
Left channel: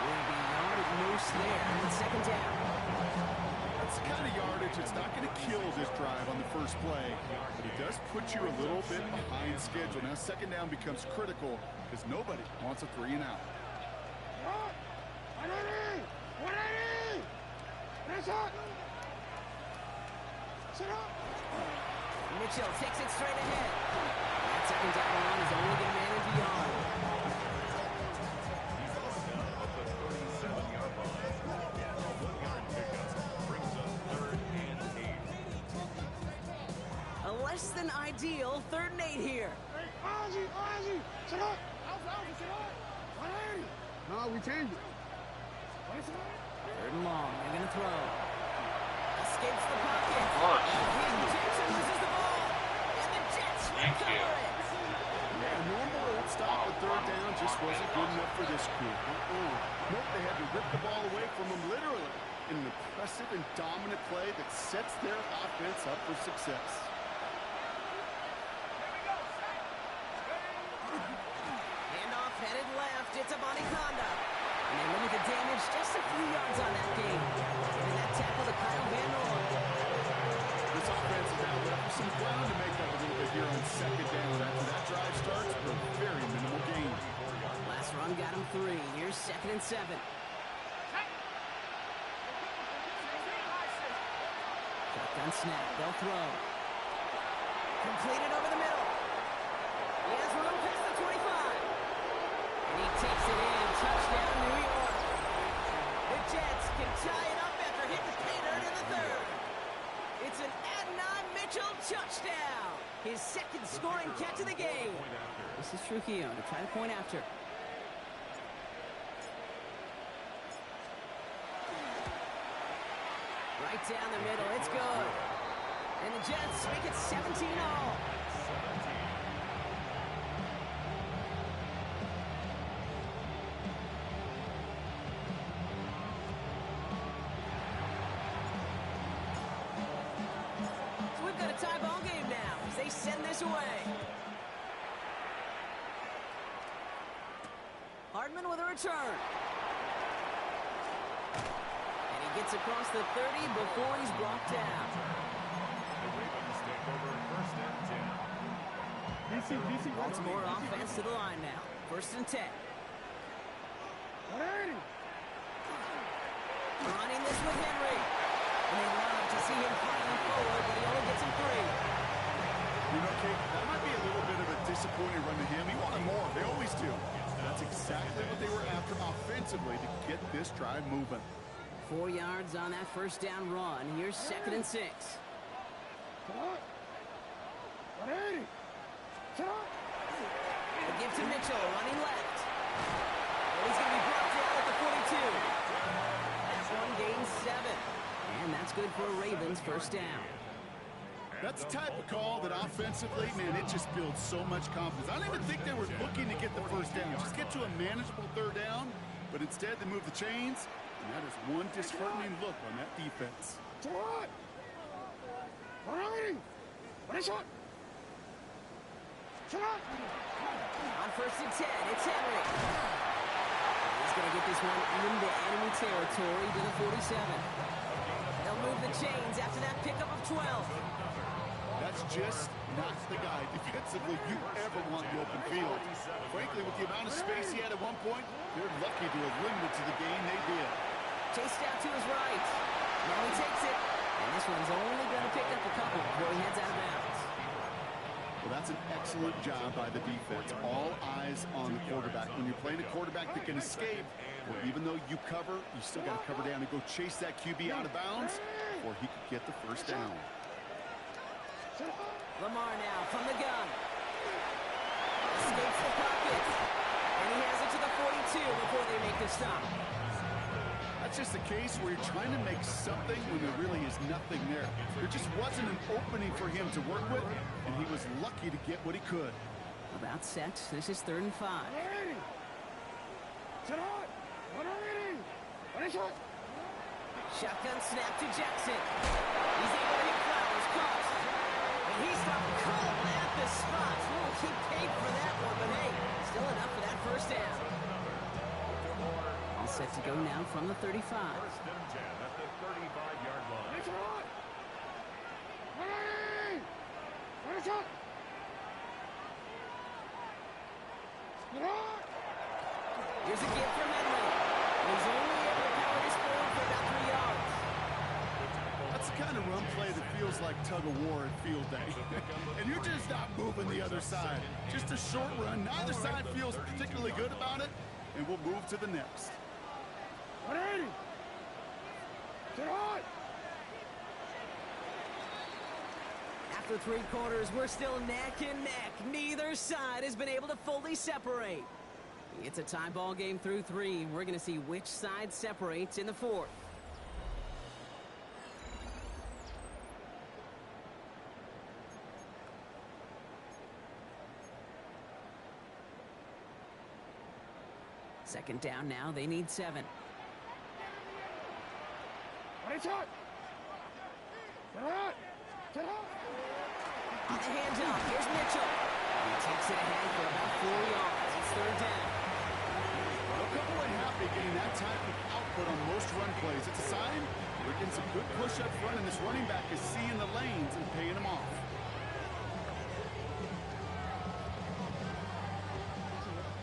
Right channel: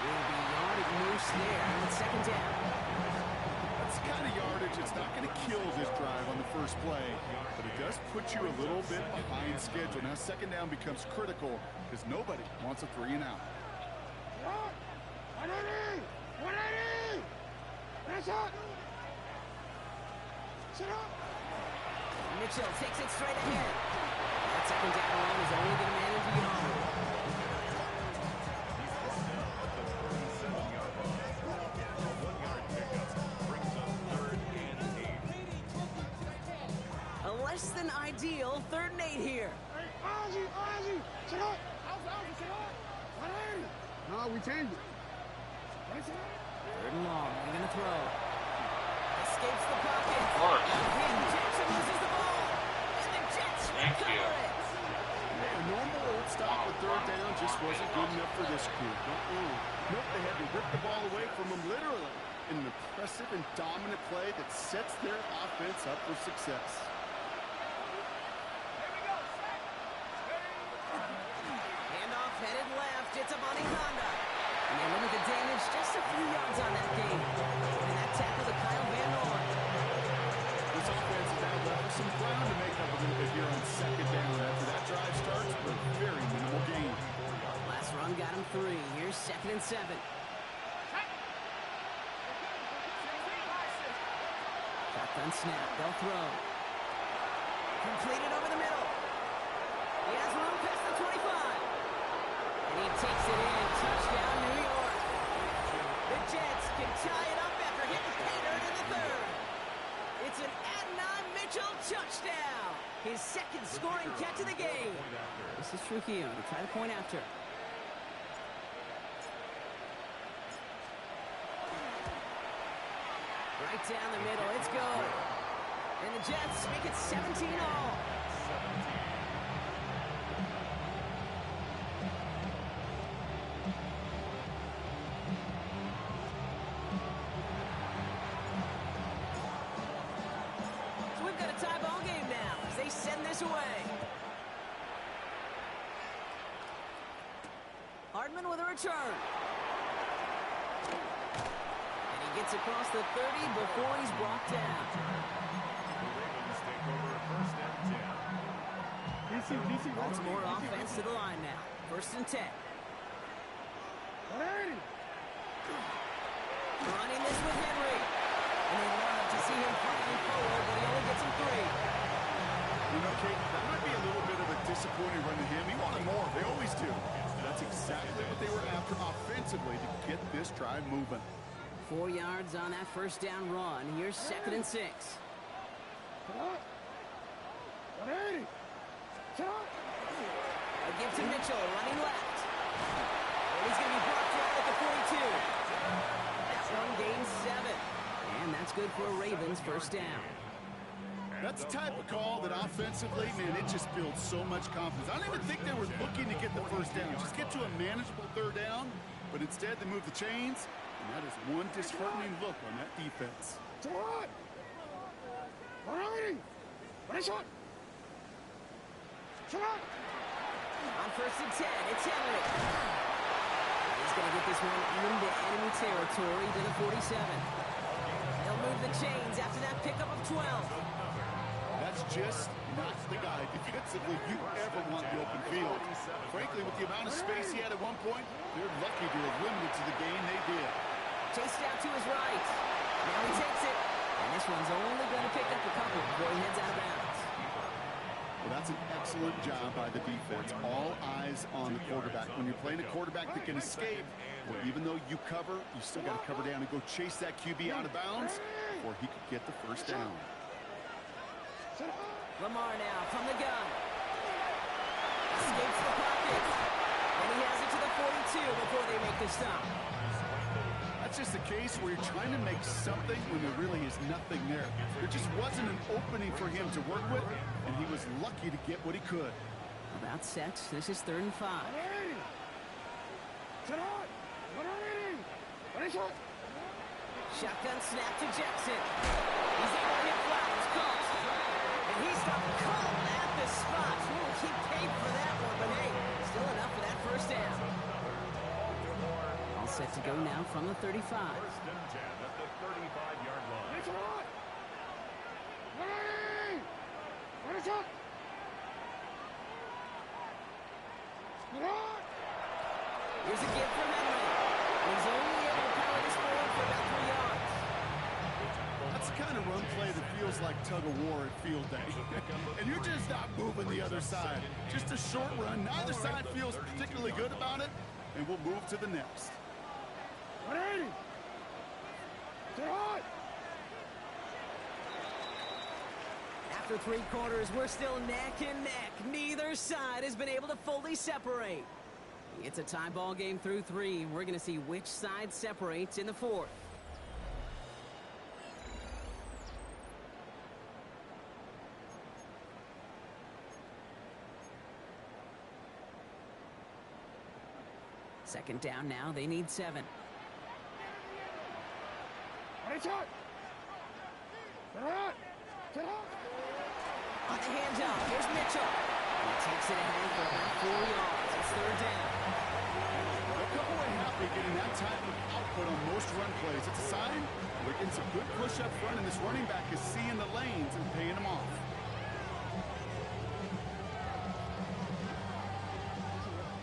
Will be yard at most there with 2nd down. That's the kind of yardage that's not going to kill this drive on the first play, but it does put you a little bit behind schedule. Now 2nd down becomes critical because nobody wants a 3 and out. 180! 180! That's it! Sit up! Mitchell takes it straight ahead. That 2nd down run is only going to manage a yard. He's brought down at the 37-yard line. A 1-yard pickup brings up 3rd and 8. A less than ideal 3rd and 8 here. Hey, Ozzy! Sit up! Ozzy, sit up! 180! No, we changed it. What is it? 3rd and long. They're going to throw. Escapes the pocket. Of course. King Jackson loses the ball. And the Jets recover it. A normal old stop at 3rd down just wasn't good enough for this crew. Nope, they had to rip the ball away from them literally in an impressive and dominant play that sets their offense up for success. Handoff headed left. It's a Bonnie Honda. And they limit the damage just a few yards on that game. And that tackle to Kyle Van Noy. This offense is now left with some ground to make up a little bit here on 2nd down. After that drive starts, a very minimal gain. Last run got him 3. Here's 2nd and 7. Shotgun snap. They'll throw. Completed over the middle. He has room past the 25. And he takes it in. Touchdown, New York. The Jets can tie it up after hitting pay dirt in the 3rd. It's an Adnan Mitchell touchdown. His 2nd scoring catch of the game. This is Trujillo to try to point after. Right down the middle. It's good. And the Jets make it 17 all. 17. Tie ball game now as they send this away. Hardman with a return. And he gets across the 30 before he's brought down. The Ravens take over 1st and 10. Baltimore offense to the line now. 1st and 10. 180! Running this with Henry. And they love to see him fighting forward, but he only gets him 3. You know, Kate, that might be a little bit of a disappointing run to him. He wanted more. They always do. That's exactly what they were after offensively to get this drive moving. 4 yards on that 1st down run. Here's 2nd and 6. What? 180! Shot! A give to Mitchell, running left. And he's going to be brought down at the 42. That one gains 7. And that's good for a Ravens 1st down. That's the type of call that offensively, man, it just builds so much confidence. I don't even think they were looking to get the 1st down. Just get to a manageable 3rd down, but instead they move the chains, and that is one disheartening look on that defense. What? 180! What is it? Shot! On 1st and 10, it's Henry. He's going to get this one into enemy territory to the 47. They'll move the chains after that pickup of 12. That's just not the guy defensively you ever want in the open field. Frankly, with the amount of space he had at one point, they're lucky to have limited to the game they did. Chased out to his right. Now he takes it. And this one's only going to pick up a couple before he heads out of bounds. Well, that's an excellent job by the defense. All eyes on the quarterback. When you're playing a quarterback that can escape, well, even though you cover, you still got to cover down and go chase that QB out of bounds before he could get the 1st down. Lamar now from the gun. Escapes the pocket. And he has it to the 42 before they make the stop. That's just a case where you're trying to make something when there really is nothing there. There just wasn't an opening for him to work with, and he was lucky to get what he could. About set. This is 3rd and 5. Shotgun snap to Jackson. He's able to hit Flowers. Caught. And he stopped cold at the spot. We'll keep paid for that one, but hey, still enough for that first down. All set to go now from the 35. First and 10 at the 35-yard line. Here's a give from Henry. And he's only able to power this forward for about 3 yards. That's the kind of run play that feels like tug-of-war at field day. And you're just not moving the other side. Just a short run. Neither side feels particularly good about it. And we'll move to the next. 180. Sit hard. After 3 quarters, we're still neck and neck. Neither side has been able to fully separate. It's a tie ball game through 3. We're going to see which side separates in the 4th. Second down now. They need 7. On the handoff, here's Mitchell. He takes it ahead for about 4 yards. It's 3rd down. They'll come away happy getting that type of output on most run plays. It's a sign we're getting some good push up front, and this running back is seeing the lanes and paying them off.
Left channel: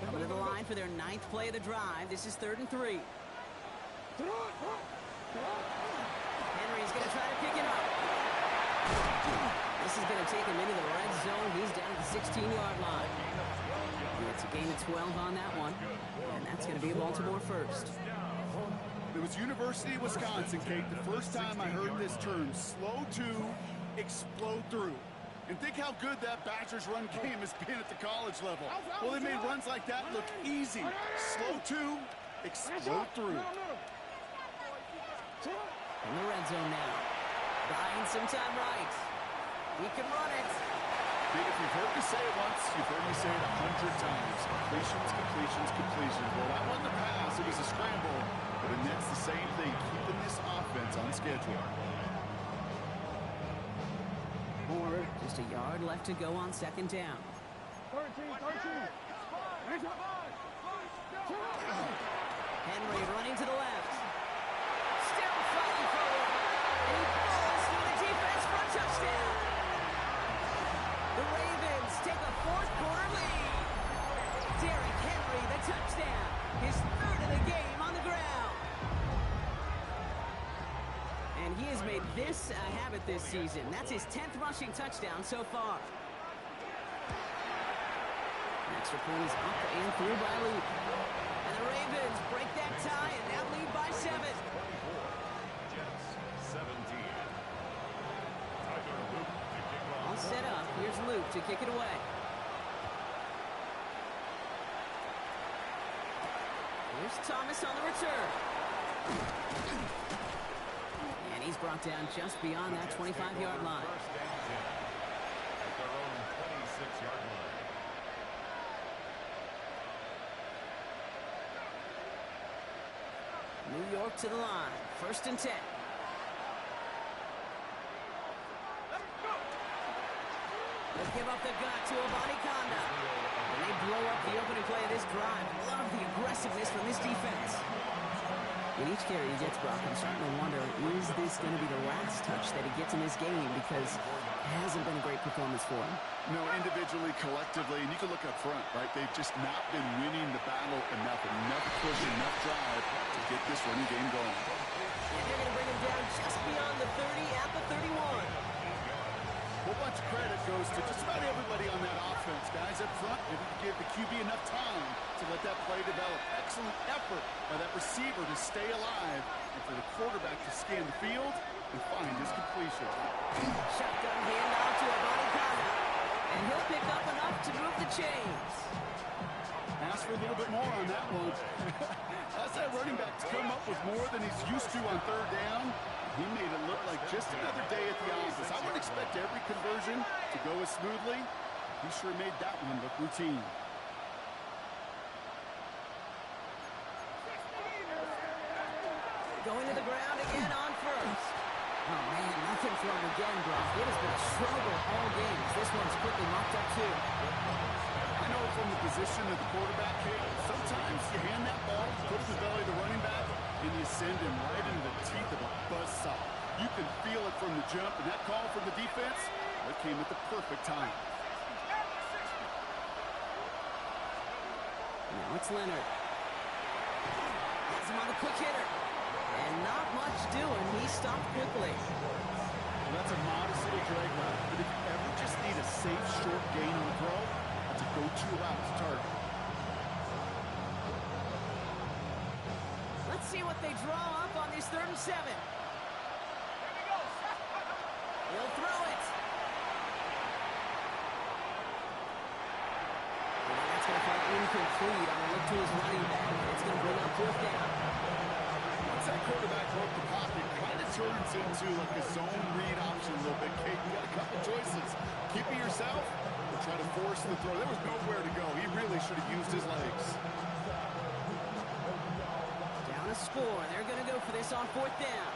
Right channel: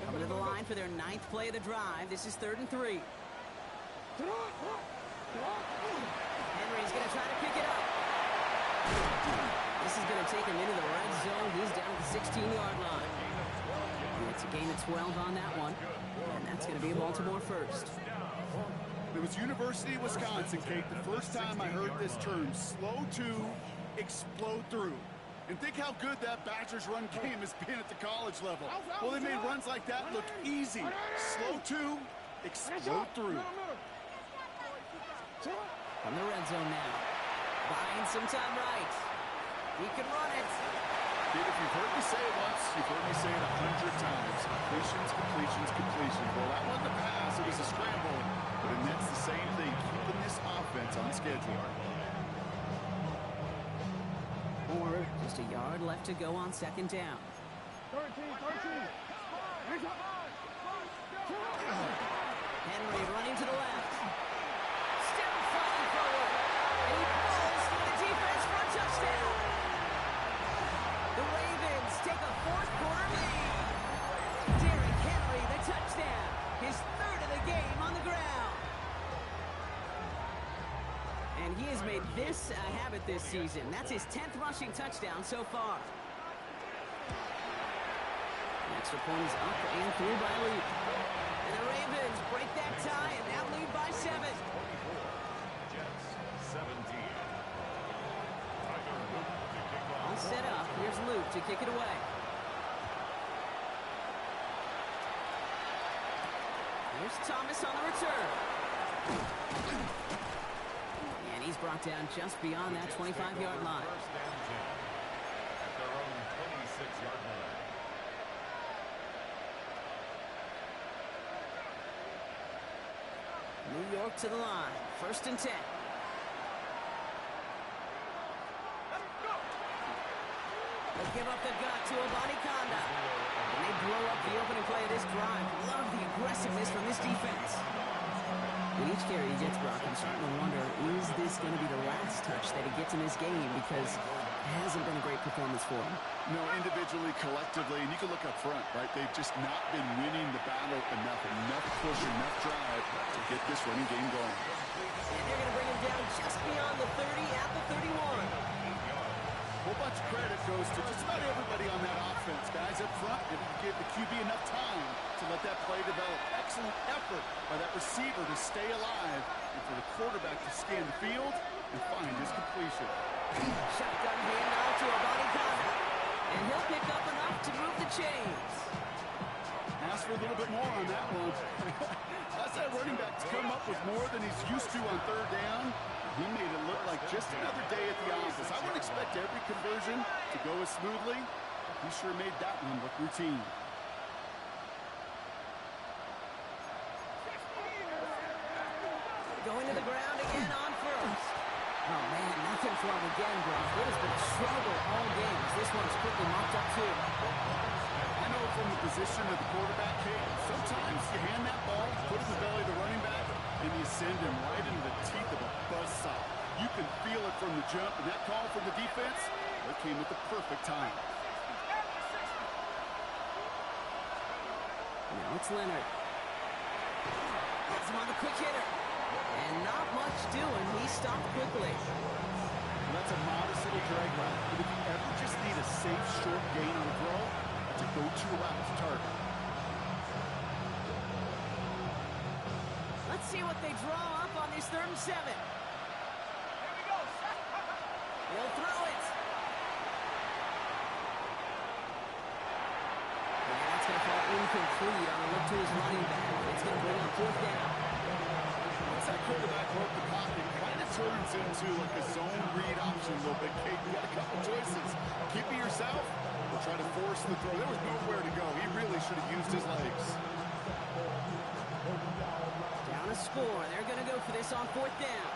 Coming to the line for their 9th play of the drive. This is 3rd and 3. Henry's going to try to pick it up. This is going to take him into the red zone. He's down at the 16-yard line. It's a gain of 12 on that one. And that's going to be a Baltimore first. It was University of Wisconsin, Kate, the first time I heard this term, slow to explode through. And think how good that Badgers run game has been at the college level. Well, they made runs like that look easy. Slow to explode through. From the red zone now. Buying some time right. He can run it. Kate, if you've heard me say it once, you've heard me say it 100 times. Completions, completions, completions. Well, that wasn't a pass. It was a scramble. But it nets the same thing, keeping this offense on schedule. Just a yard left to go on 2nd down. 13. Henry running to the left. Still fighting forward. And he falls through the defense for a touchdown. The Ravens take a 4th quarter lead. Derrick Henry, the touchdown. His 3rd of the game on the ground. And he has made this a habit this season. That's his 10th rushing touchdown so far. Extra point is up and through by Luke. And the Ravens break that tie and now lead by 7. 24. Jets 17. Tyler Luke to kick off. All set up. Here's Luke to kick it away. Here's Thomas on the return. And he's brought down just beyond that 25-yard line. First and 10 at their own 26-yard line. New York to the line. 1st and 10. They give up the gut to Abani Kanda. And they blow up the opening play of this drive. Love the aggressiveness from this defense. With each carry he gets, Brock, I'm starting to wonder, is this going to be the last touch that he gets in this game? Because it hasn't been a great performance for him. No, individually, collectively, and you can look up front, right? They've just not been winning the battle enough push, enough drive to get this running game going. And they're going to bring him down just beyond the 30 at the 31. A whole bunch of credit goes to just about everybody on that offense. Guys up front, if you give the QB enough time to let that play develop. Excellent effort by that receiver to stay alive and for the quarterback to scan the field and find his completion. Shotgun handoff to Abani Kanda. And he'll pick up enough to move the chains. Ask for a little bit more on that one. Ask that running back to come up with more than he's used to on third down. He made it look like just another day at the office. I wouldn't expect every conversion to go as smoothly. He sure made that one look routine. Going to the ground again on first. Oh, man, nothing for him again, Brock. It has been a struggle all game as this one's quickly mopped up, too. I know from the position of the quarterback, Kate, sometimes you hand that ball, you put it in the belly of the running back, and you send him right into the teeth of a buzzsaw. You can feel it from the jump, and that call from the defense, that came at the perfect time. Now it's Leonard. Has him on the quick hitter. And not much doing. He stopped quickly. Well, that's a modest little drag route, but if you ever just need a safe, short gain on the throw, that's a go-to route to target. Let's see what they draw up on this 3rd and 7. He'll throw it. And that's going to fall incomplete on a look to his running back. It's going to bring up 4th down. Once that quarterback broke the pocket, it kind of turns into like a zone read option a little bit. Kate, you got a couple choices. Keep it yourself or try to force the throw. There was nowhere to go. He really should have used his legs. Down a score. They're going to go for this on 4th down.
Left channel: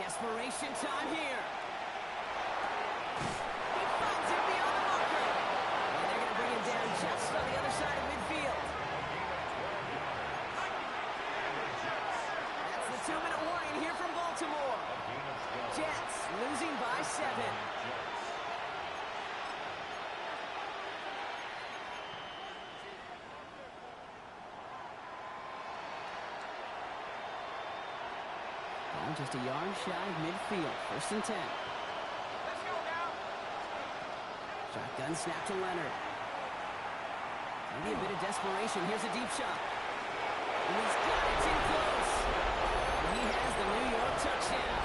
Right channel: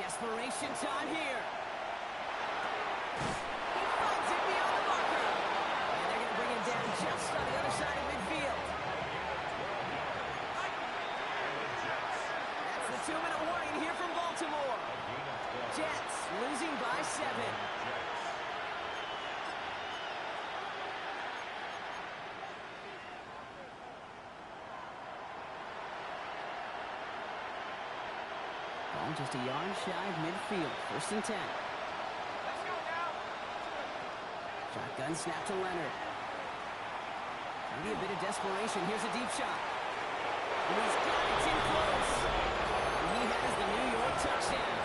Desperation time here. He finds it beyond the marker. And they're going to bring him down just on the other side of midfield. That's the 2-minute warning here from Baltimore. Jets losing by 7. Ball just a yard shy of midfield. 1st and 10. Let's go now. Shotgun snap to Leonard. Maybe a bit of desperation. Here's a deep shot. And he's got it in close. And he has the New York touchdown.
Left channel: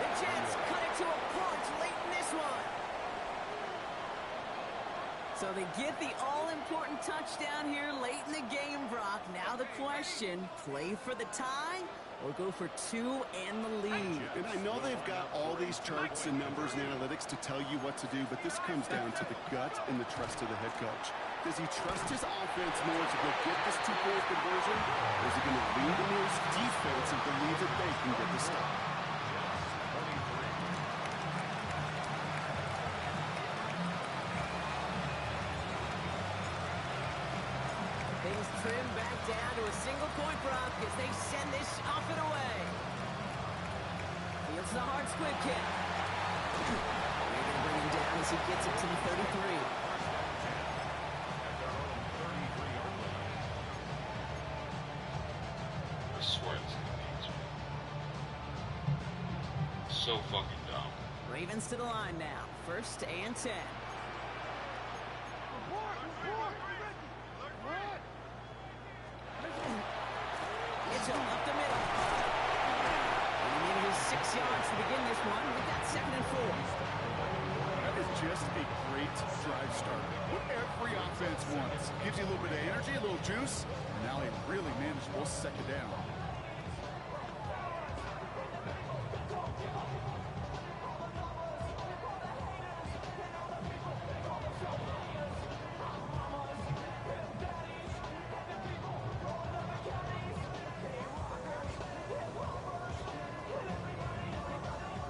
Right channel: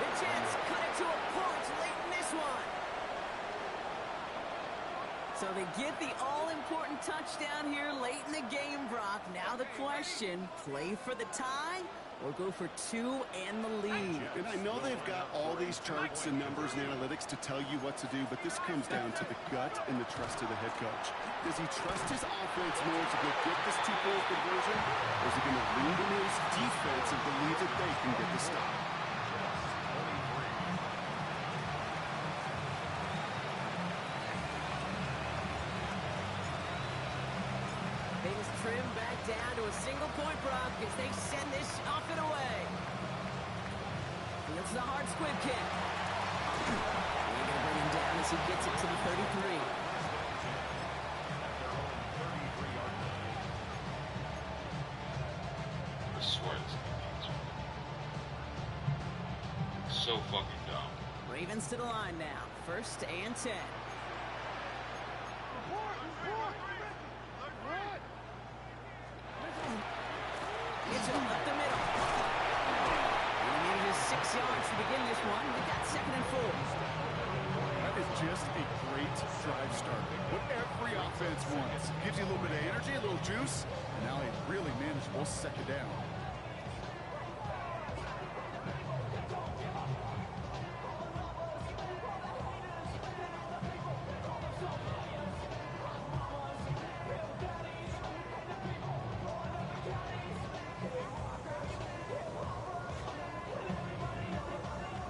The Jets cut it to a point late in this one. So they get the all-important touchdown here late in the game, Brock. Now the question, play for the tie or go for 2 and the lead? And I know they've got all these charts and numbers and analytics to tell you what to do, but this comes down to the gut and the trust of the head coach. Does he trust his offense more to go get this 2-point conversion, or is he going to lean to his defense and believe that they can get the stop? Things trim back down to a single point, Brock, as they send this off and away. Fields the hard squib kick. They're going to bring him down as he gets it to the 33. I swear this is so fucking dumb. Ravens to the line now. 1st and 10. Mitchell up the middle. And he needed his 6 yards to begin this one. We've got 2nd and 4. That is just a great drive start. What every offense wants. Gives you a little bit of energy, a little juice, and now a really manageable 2nd down.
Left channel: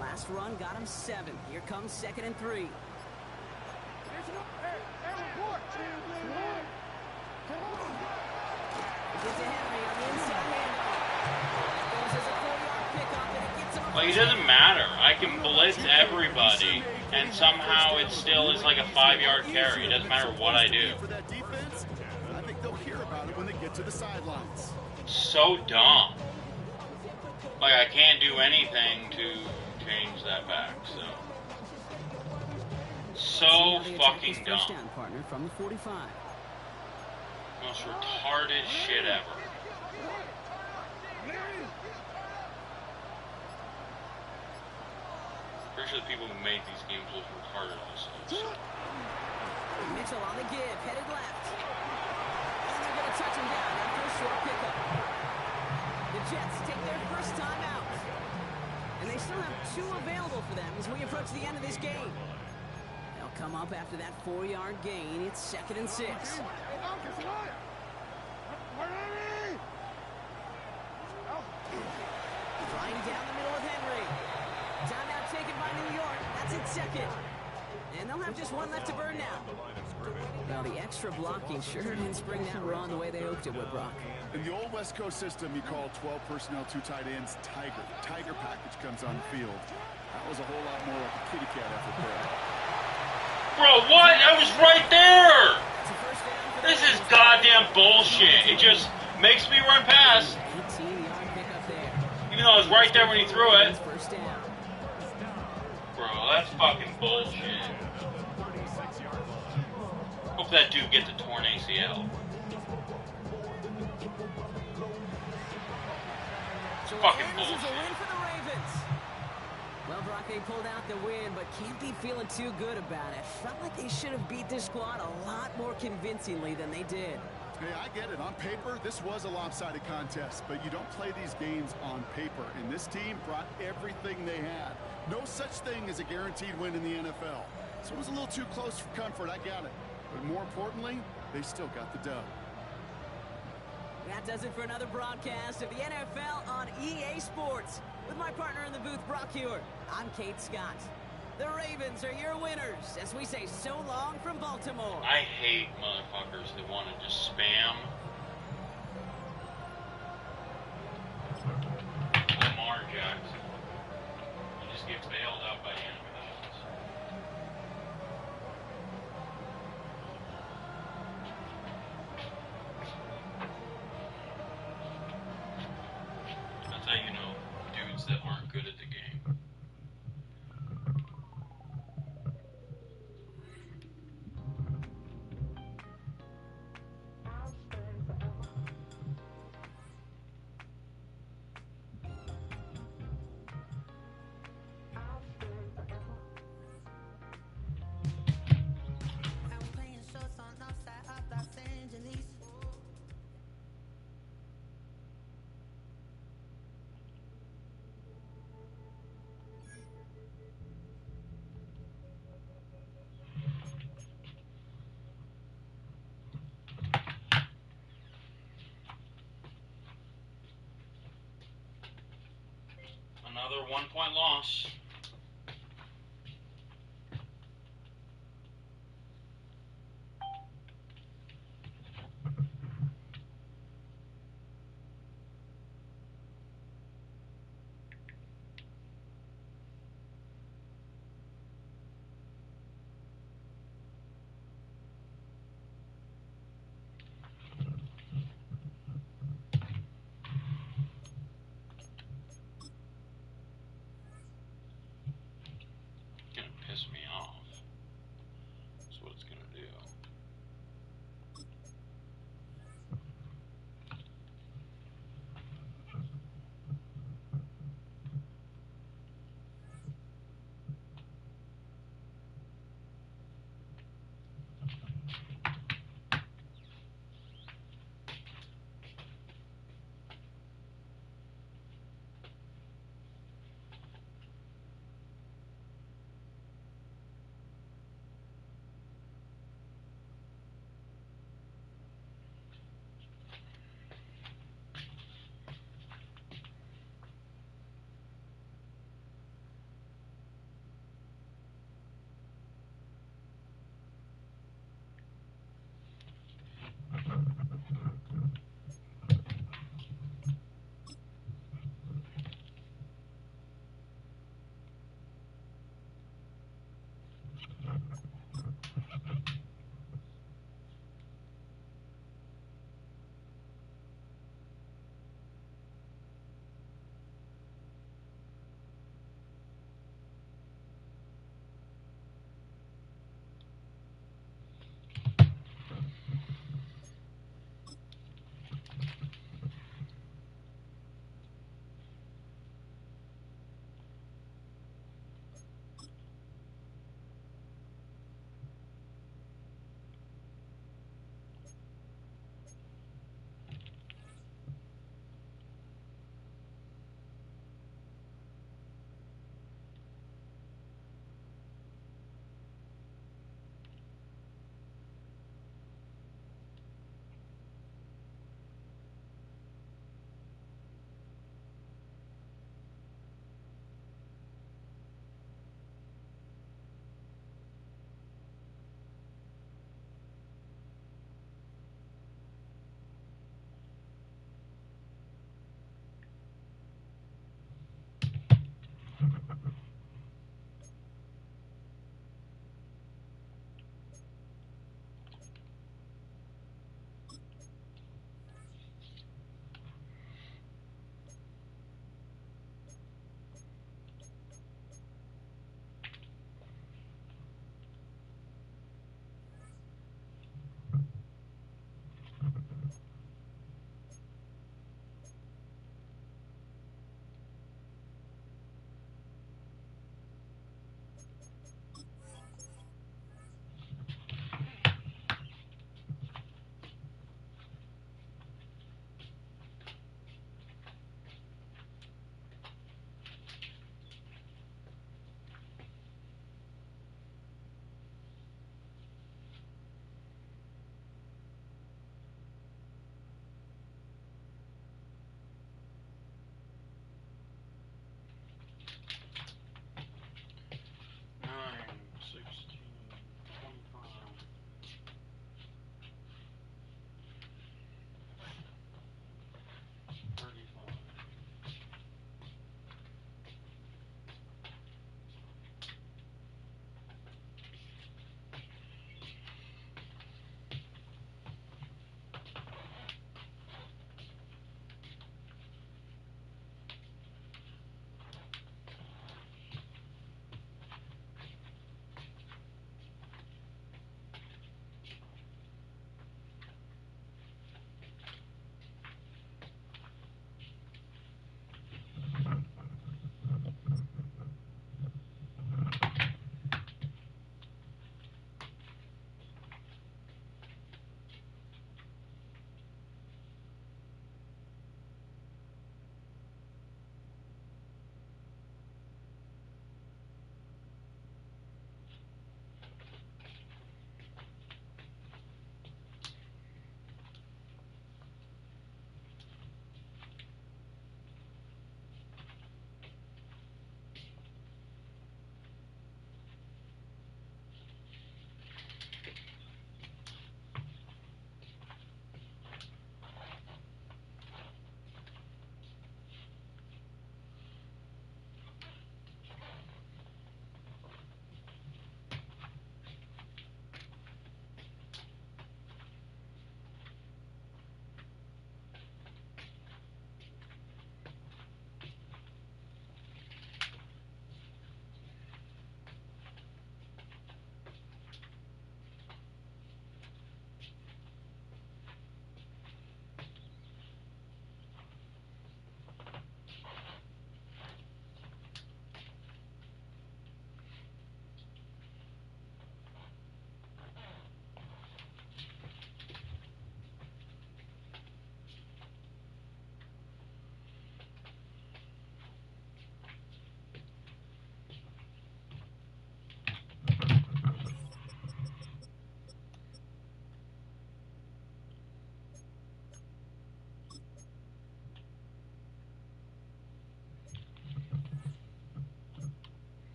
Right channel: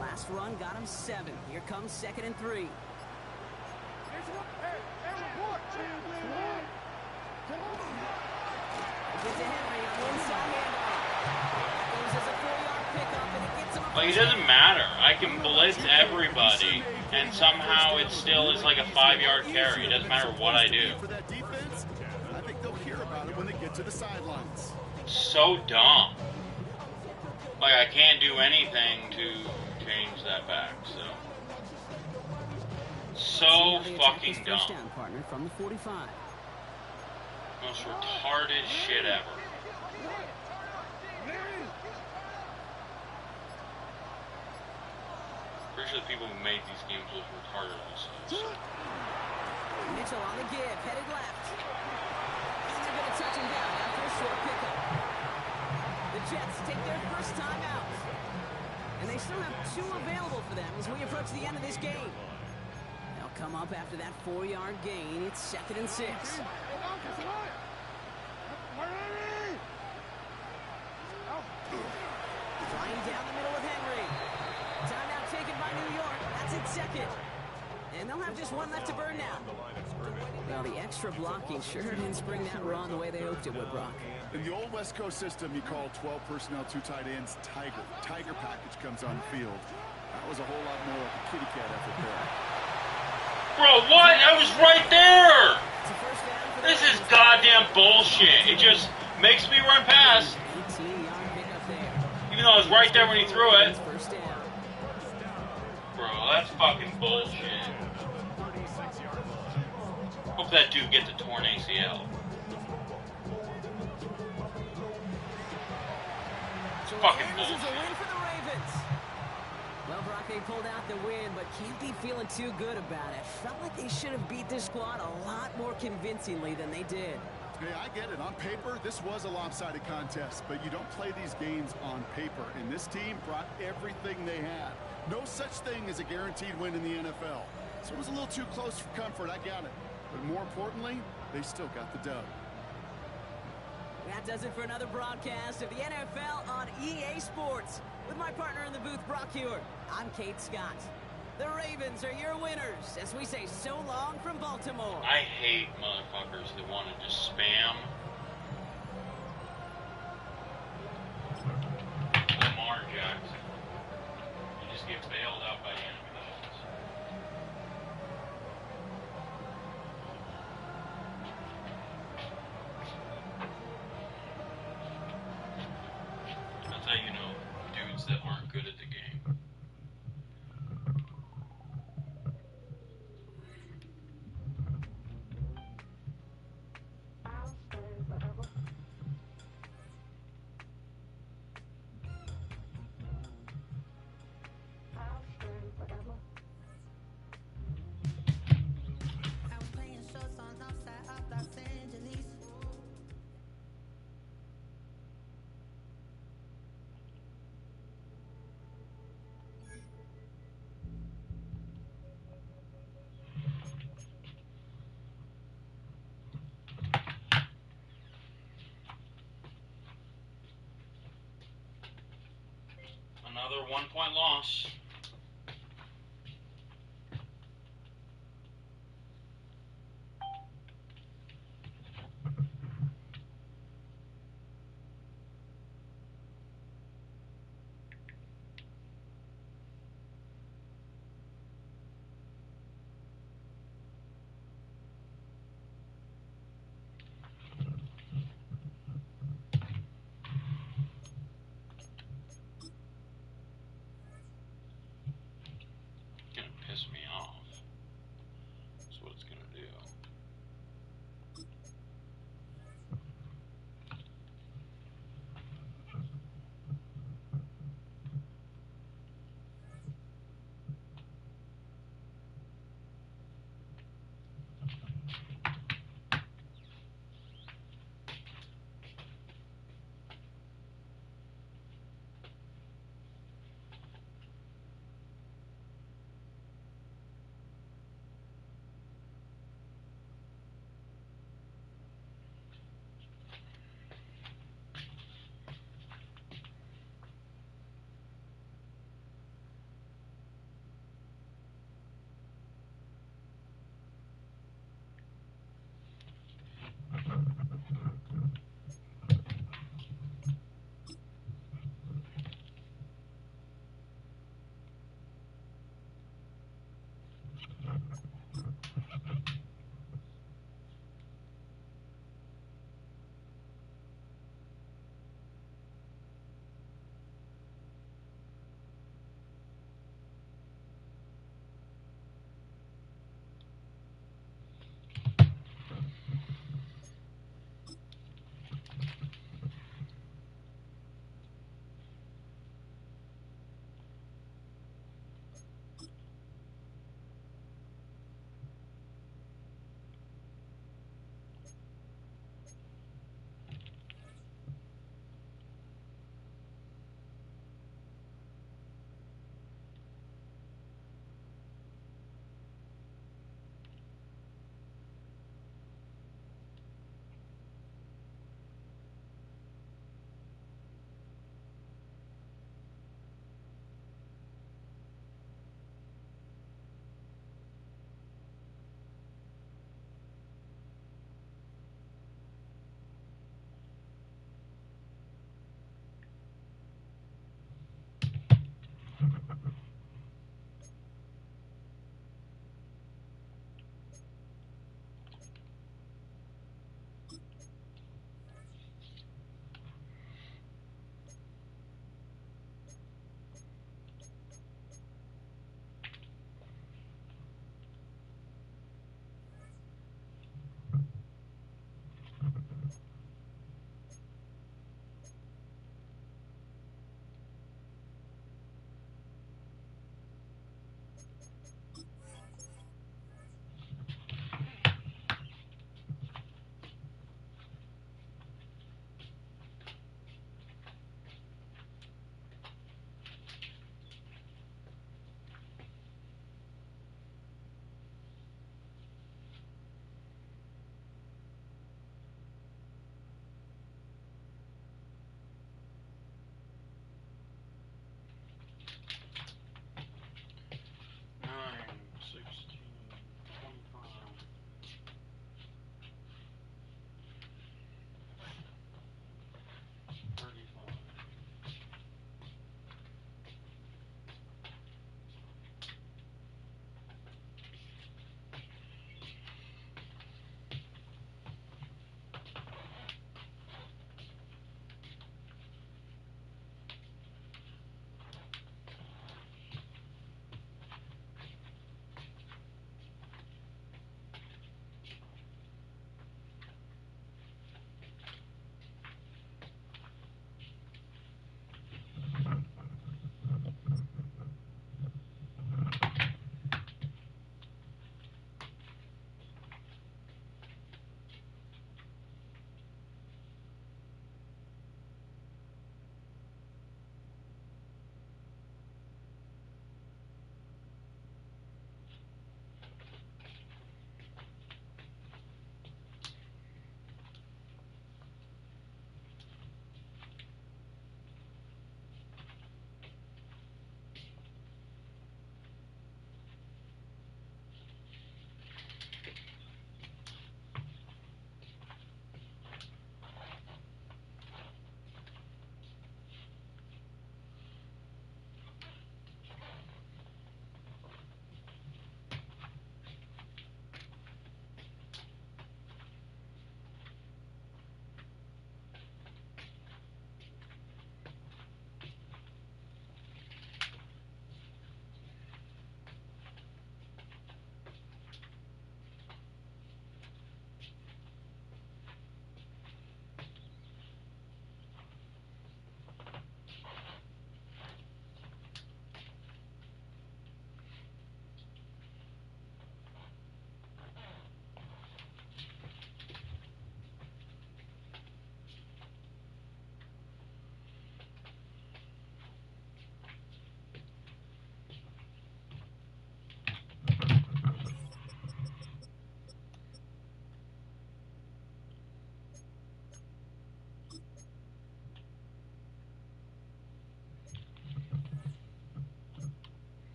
Last run got him 7. Here comes 2nd and 3. Gets to Henry on the inside handoff. That goes as a 4-yard pickup, and it gets him a Like, it doesn't matter. I can blitz everybody, and somehow it still is like a 5-yard carry. It doesn't matter what I do. For that defense, I think they'll hear about it when they get to the sidelines. So dumb. Like, I can't do anything to change that back, so. So fucking dumb. First down partner from the 45. Most retarded shit ever. pretty sure the people who made these games was retarded also. So. Mitchell on the give, headed left. And they're going to touch him down after a short pickup. The Jets take their first time out. And they still have 2 available for them as we approach the end of this game. They'll come up after that 4-yard gain. It's 2nd and 6. Flying down the middle with Henry. Timeout taken by New York. That's its 2nd. And they'll have just 1 left to burn now. Well, the extra blocking sure didn't spring that run the way they hoped it would, Brock. In the old West Coast system, you call 12 personnel, 2 tight ends, Tiger. Tiger package comes on the field. That was a whole lot more like a kitty cat effort there. Bro, what? I was right there! This is goddamn bullshit. It just makes me run past. 18-yard pickup there. Even though I was right there when he threw it. First down. Bro, that's fucking bullshit. Hope that dude gets a torn ACL. So Fucking this is a bullshit. win for the Ravens. Well, Brock, they pulled out the win, but can't be feeling too good about it. Felt like they should have beat this squad a lot more convincingly than they did. Hey, I get it. On paper, this was a lopsided contest, but you don't play these games on paper. And this team brought everything they had. No such thing as a guaranteed win in the NFL. So it was a little too close for comfort, I got it. But more importantly, they still got the dub. That does it for another broadcast of the NFL on EA Sports. With my partner in the booth, Brock Hewer, I'm Kate Scott. The Ravens are your winners as we say so long from Baltimore. I hate motherfuckers that want to just spam Lamar Jackson. You just get bailed out by animations. That's how you know dudes that aren't good at the game. Another 1-point loss. Piss me off. That's what it's gonna do.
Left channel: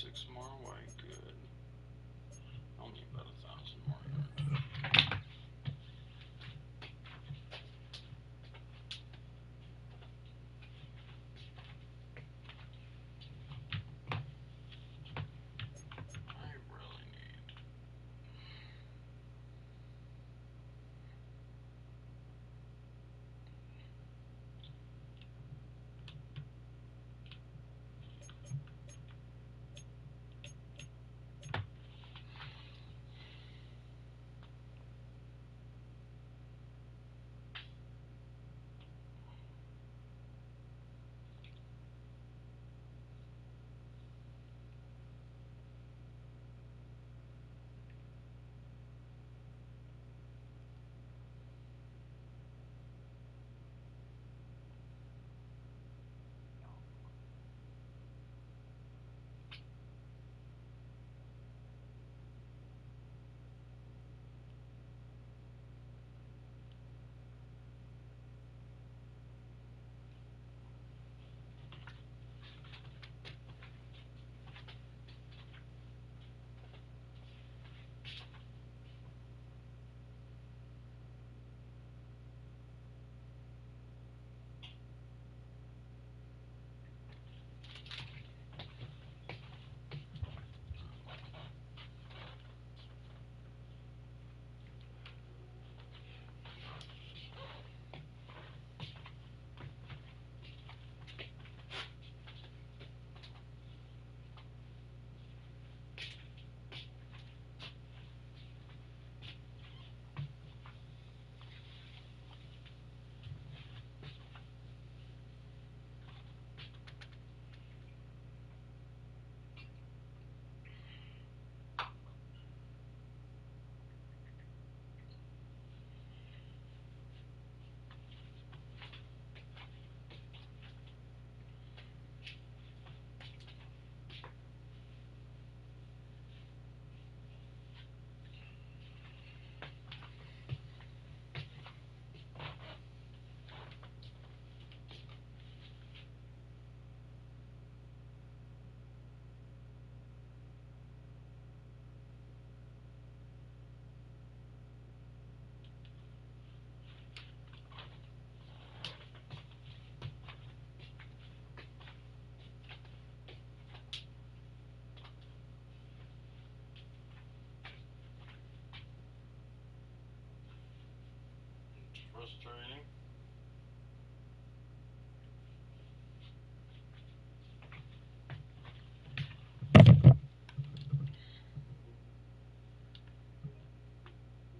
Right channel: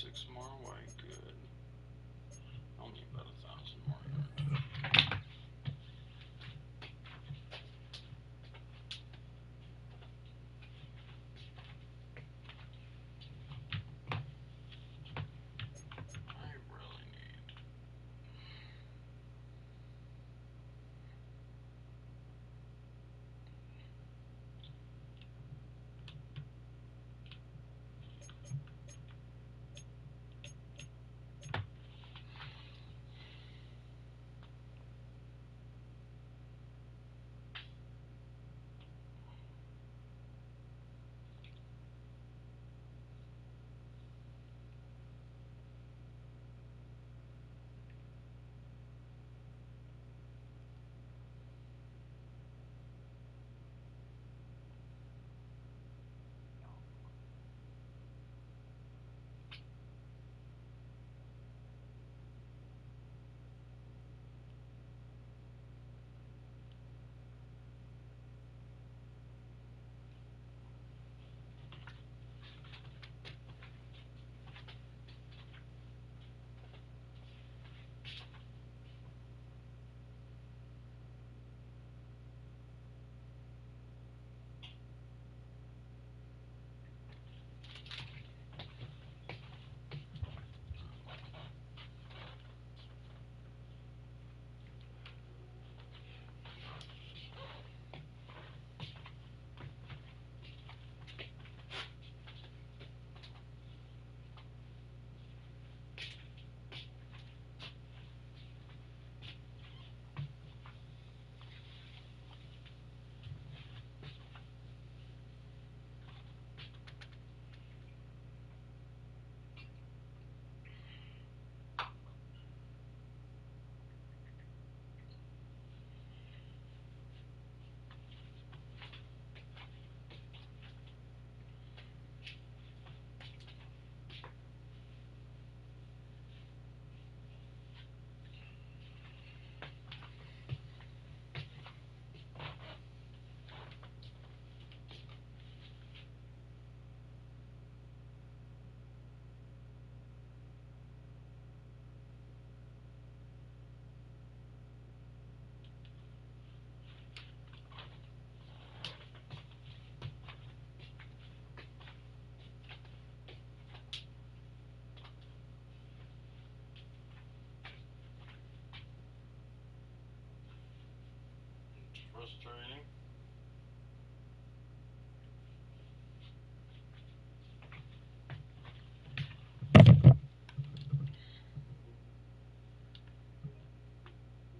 6 more away, good. Only about 1,000 more yards. I really need. It's frustrating.